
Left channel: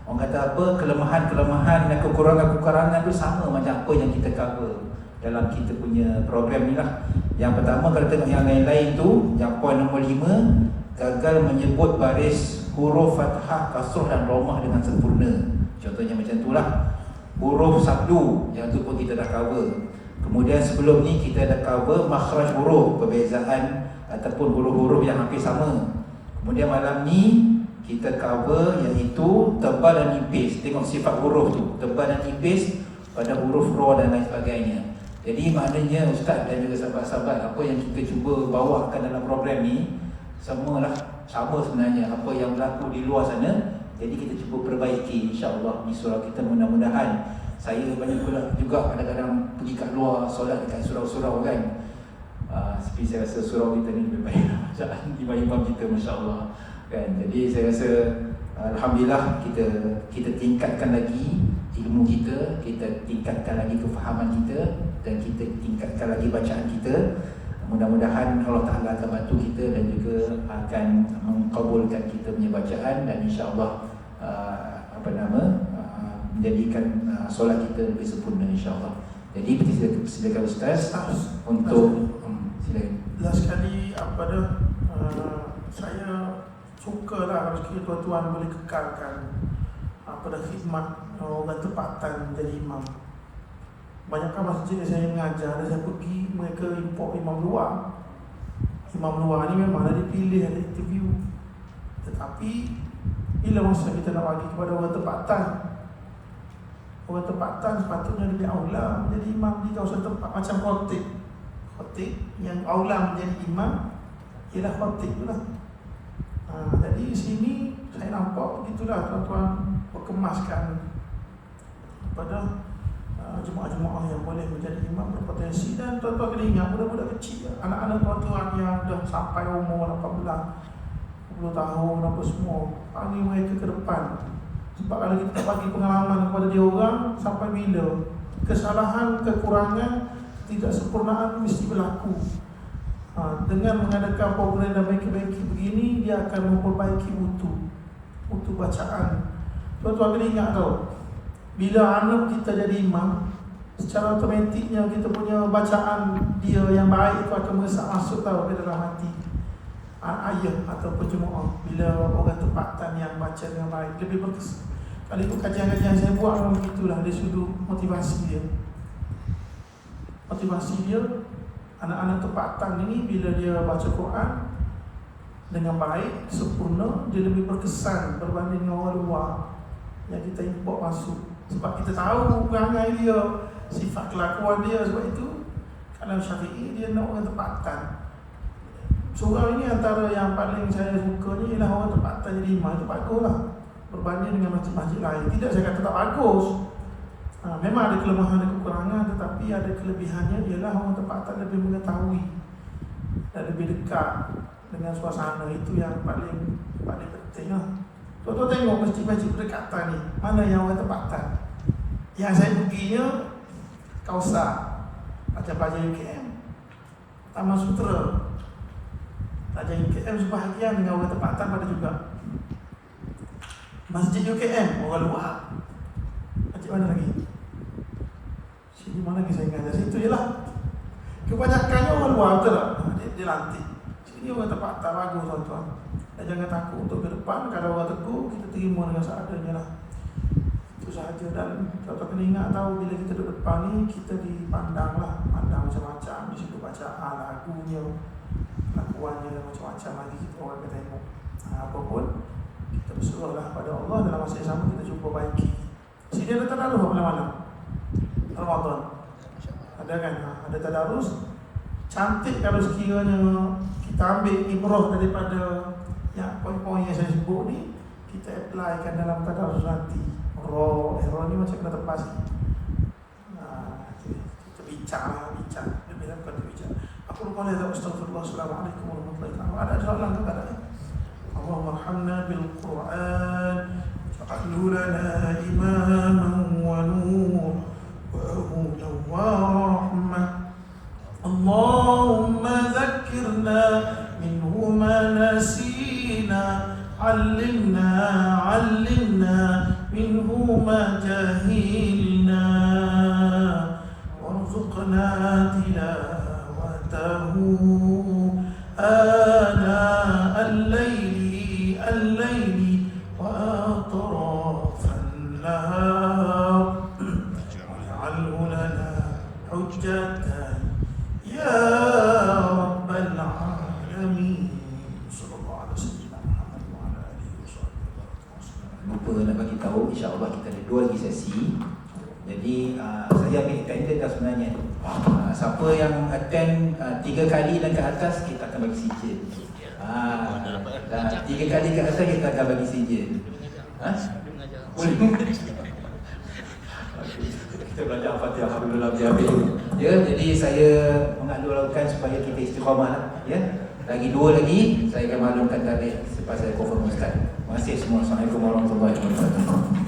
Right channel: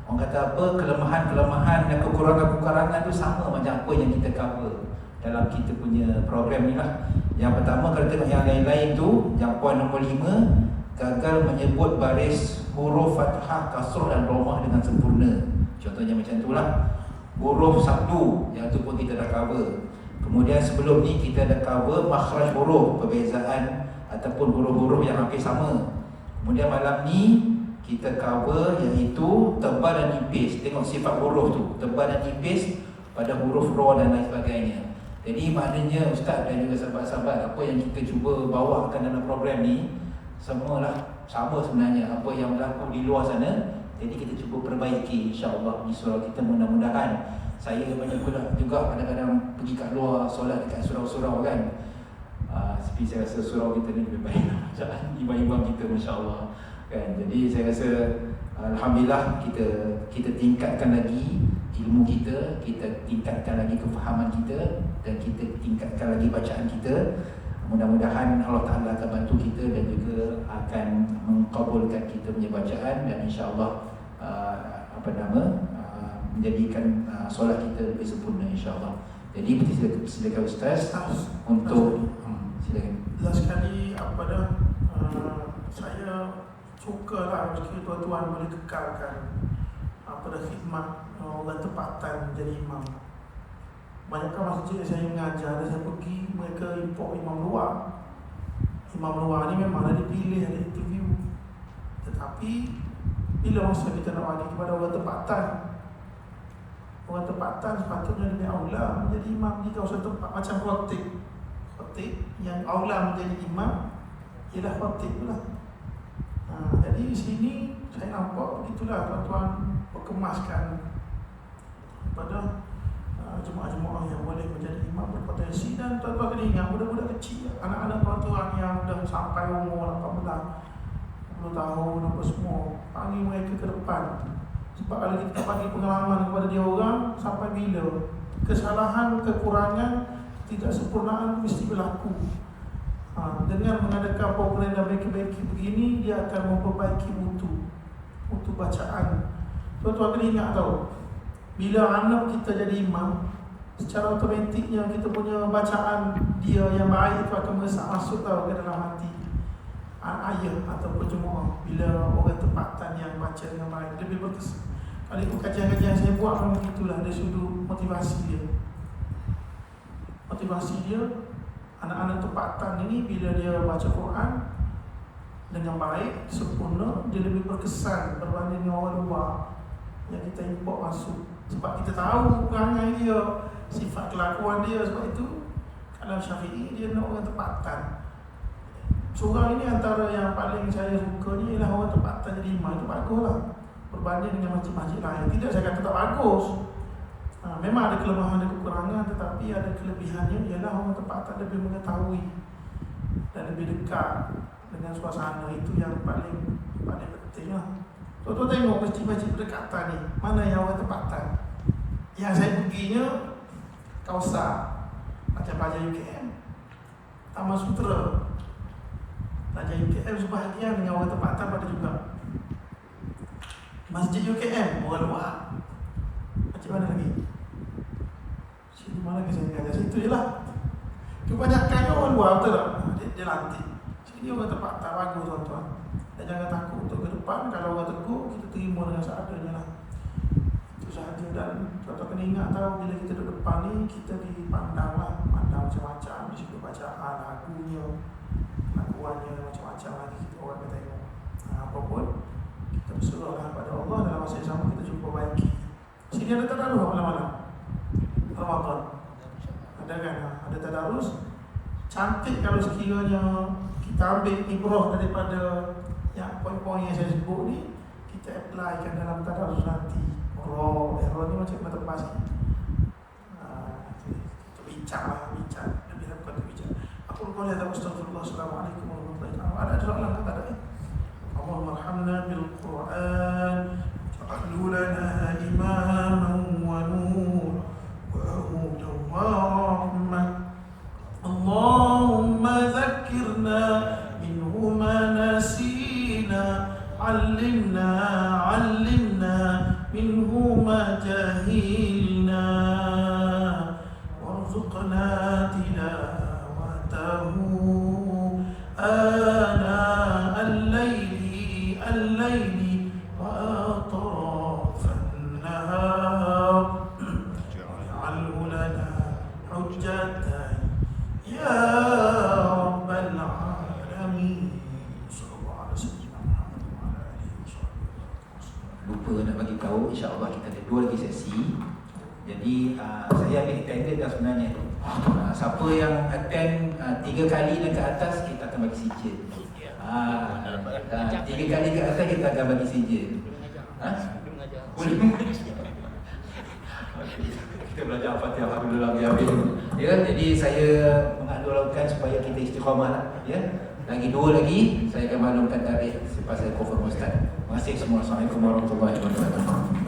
orang kata apa, kelemahan-kelemahan dan kekurangan-kekurangan tu sama macam apa yang kita cover dalam kita punya program ni lah. Yang pertama, kalau tengok yang lain-lain tu, yang poin nombor 5, gagal menyebut baris huruf fathah, kasrah dan romah dengan sempurna. Contohnya macam itulah. Huruf sabdu, yang tu pun kita dah cover. Kemudian sebelum ni kita dah cover makhraj huruf, perbezaan ataupun huruf-huruf yang hampir sama. Kemudian malam ni kita cover iaitu tebal dan nipis. Tengok sifat huruf tu, tebal dan nipis pada huruf ra dan lain sebagainya. Jadi maknanya Ustaz dan juga sahabat-sahabat, apa yang kita cuba bawakan dalam program ni semualah sama sebenarnya apa yang berlaku di luar sana. Jadi kita cuba perbaiki insya-Allah di surau kita. Mudah-mudahan, saya banyak pula juga kadang-kadang pergi kat luar solat dekat surau-surau kan. Tapi saya rasa surau kita ni lebih baik bacaan imam-imam kita insya-Allah kan. Jadi saya rasa alhamdulillah kita tingkatkan lagi ilmu kita tingkatkan lagi kefahaman kita dan kita tingkatkan lagi bacaan kita. Mudah-mudahan Allah Ta'ala akan bantu kita dan juga akan mengkabulkan kita punya bacaan dan insya-Allah menjadikan solat kita lebih sempurna insya-Allah. Jadi silakan Ustaz untuk silakan. Last sekali saya sukalah rezeki tuan-tuan boleh kekalkan khidmat orang tempatan jadi imam. Banyakkan masjid saya mengajar, saya pergi, mereka import imam luar. Imam luar ni memang ada dipilih, ada interview. Tetapi bila masa kita nak bagi kepada orang tempatan sepatutnya dia aula menjadi imam di kawasan tempat macam khatib yang aula menjadi imam ialah khatib pula. Jadi di sini saya nampak begitulah tuan-tuan berkemaskan pada jemaah-jemaah yang boleh menjadi imam berpotensi. Dan tuan-tuan kena ingat, budak-budak kecil, anak-anak tuan-tuan yang dah sampai umur 18, 20 tahun apa semua, panggil mereka ke depan. Sebab kalau kita bagi pengalaman kepada dia orang, sampai bila kesalahan, kekurangan, tidak sempurnaan mesti berlaku. Dengan mengadakan program dan baiki-baiki begini, dia akan memperbaiki mutu bacaan. Tuan-tuan kena ingat tau, bila anak kita jadi imam, secara otomatiknya kita punya bacaan dia yang baik itu akan masuk tau ke dalam hati ayah ataupun jemaah. Bila orang tempatan yang baca dengan baik, lebih bagus. Kalau ikut kajian-kajian saya buat memang begitulah dari sudut motivasi dia. Anak-anak tempatan ini bila dia baca Quran dengan baik, sempurna, dia lebih berkesan berbanding dengan orang luar yang kita import masuk. Sebab kita tahu perangai dia, sifat kelakuan dia. Sebab itu kalau Syafi'i dia nak orang tempatan. Surau ini antara yang paling saya suka ni ialah orang tempatan jadi imam. Itu bagus lah berbanding dengan masjid-masjid lain. Tidak saya kata tak bagus, Memang ada kelemahan dan kekurangan, tetapi ada kelebihannya ialah orang tempatan lebih mengetahui dan lebih dekat dengan suasana. Itu yang paling penting lah. Tuan-tuan tengok masjid-masjid berdekatan ni, mana yang orang tempatan. Yang saya perginya Kausar, Raja UKM, Taman Sutera, Raja UKM sebahagian dengan orang tempatan pada juga. Masjid UKM orang luar. Masjid mana lagi? Sini mana lagi saya ingat? Situ je lah. Kebanyakannya orang luar, betul tak? Dia lantik. Sini orang tempatan bagus tuan-tuan. Dan jangan takut untuk ke depan. Kalau orang tegur, kita terima dengan seadanya lah. Itu sahaja. Dan tuan-tuan kena ingat tahu, bila kita duduk depan ni, kita dipandang lah. Pandang macam-macam. Di situ bacaan, lagunya, lakuannya macam-macam lagi. Kita orang akan tengok. Apapun, kita berserahlah pada Allah. Dalam masa yang sama, kita cuba baiki. Sini ada tadarus apa malam-malam? Ramadan. Ada kan? Ada tadarus. Cantik kalau sekiranya kita ambil ibrah daripada yang poin-poin yang saya sebut ni, kita applykan dalam tadarus nanti. Error ni macam kena tepas ni. Bincang lah, bincang. Lebih bukan terbicang. Aku lupa lihat astagfirullah, assalamualaikum warahmatullahi wabarakatuh. Ada soalan tak ada? Allahumma bil Quran waj'alhu lana imaman wa nuran wa hudan wa rahmah. Allahumma dhakkirna minhu ma nasina, 'allimna minhu ma jahilna, warzuqna tilawatahu ana al-layli wa atrafan nahar, waj'alhu lana hujjatan ya rabbal alamin. Sallallahu alaihi wasallam. Lupa nak bagi tahu, insya-Allah kita ada 2 lagi sesi. Jadi saya ambil tender kan sebenarnya. Siapa yang attend 3 kali dan ke atas, kita akan bagi sijil. Dan 3 kali ke atas kita akan bagi sijil. Kita belajar Al-Fatihah, alhamdulillah biar ya. Jadi saya mengalu-alukan supaya kita istiqamah lah, ya. Lagi 2 lagi saya akan maklumkan tarikh selepas saya confirm ustaz. Terima kasih semua. Assalamualaikum warahmatullahi wabarakatuh.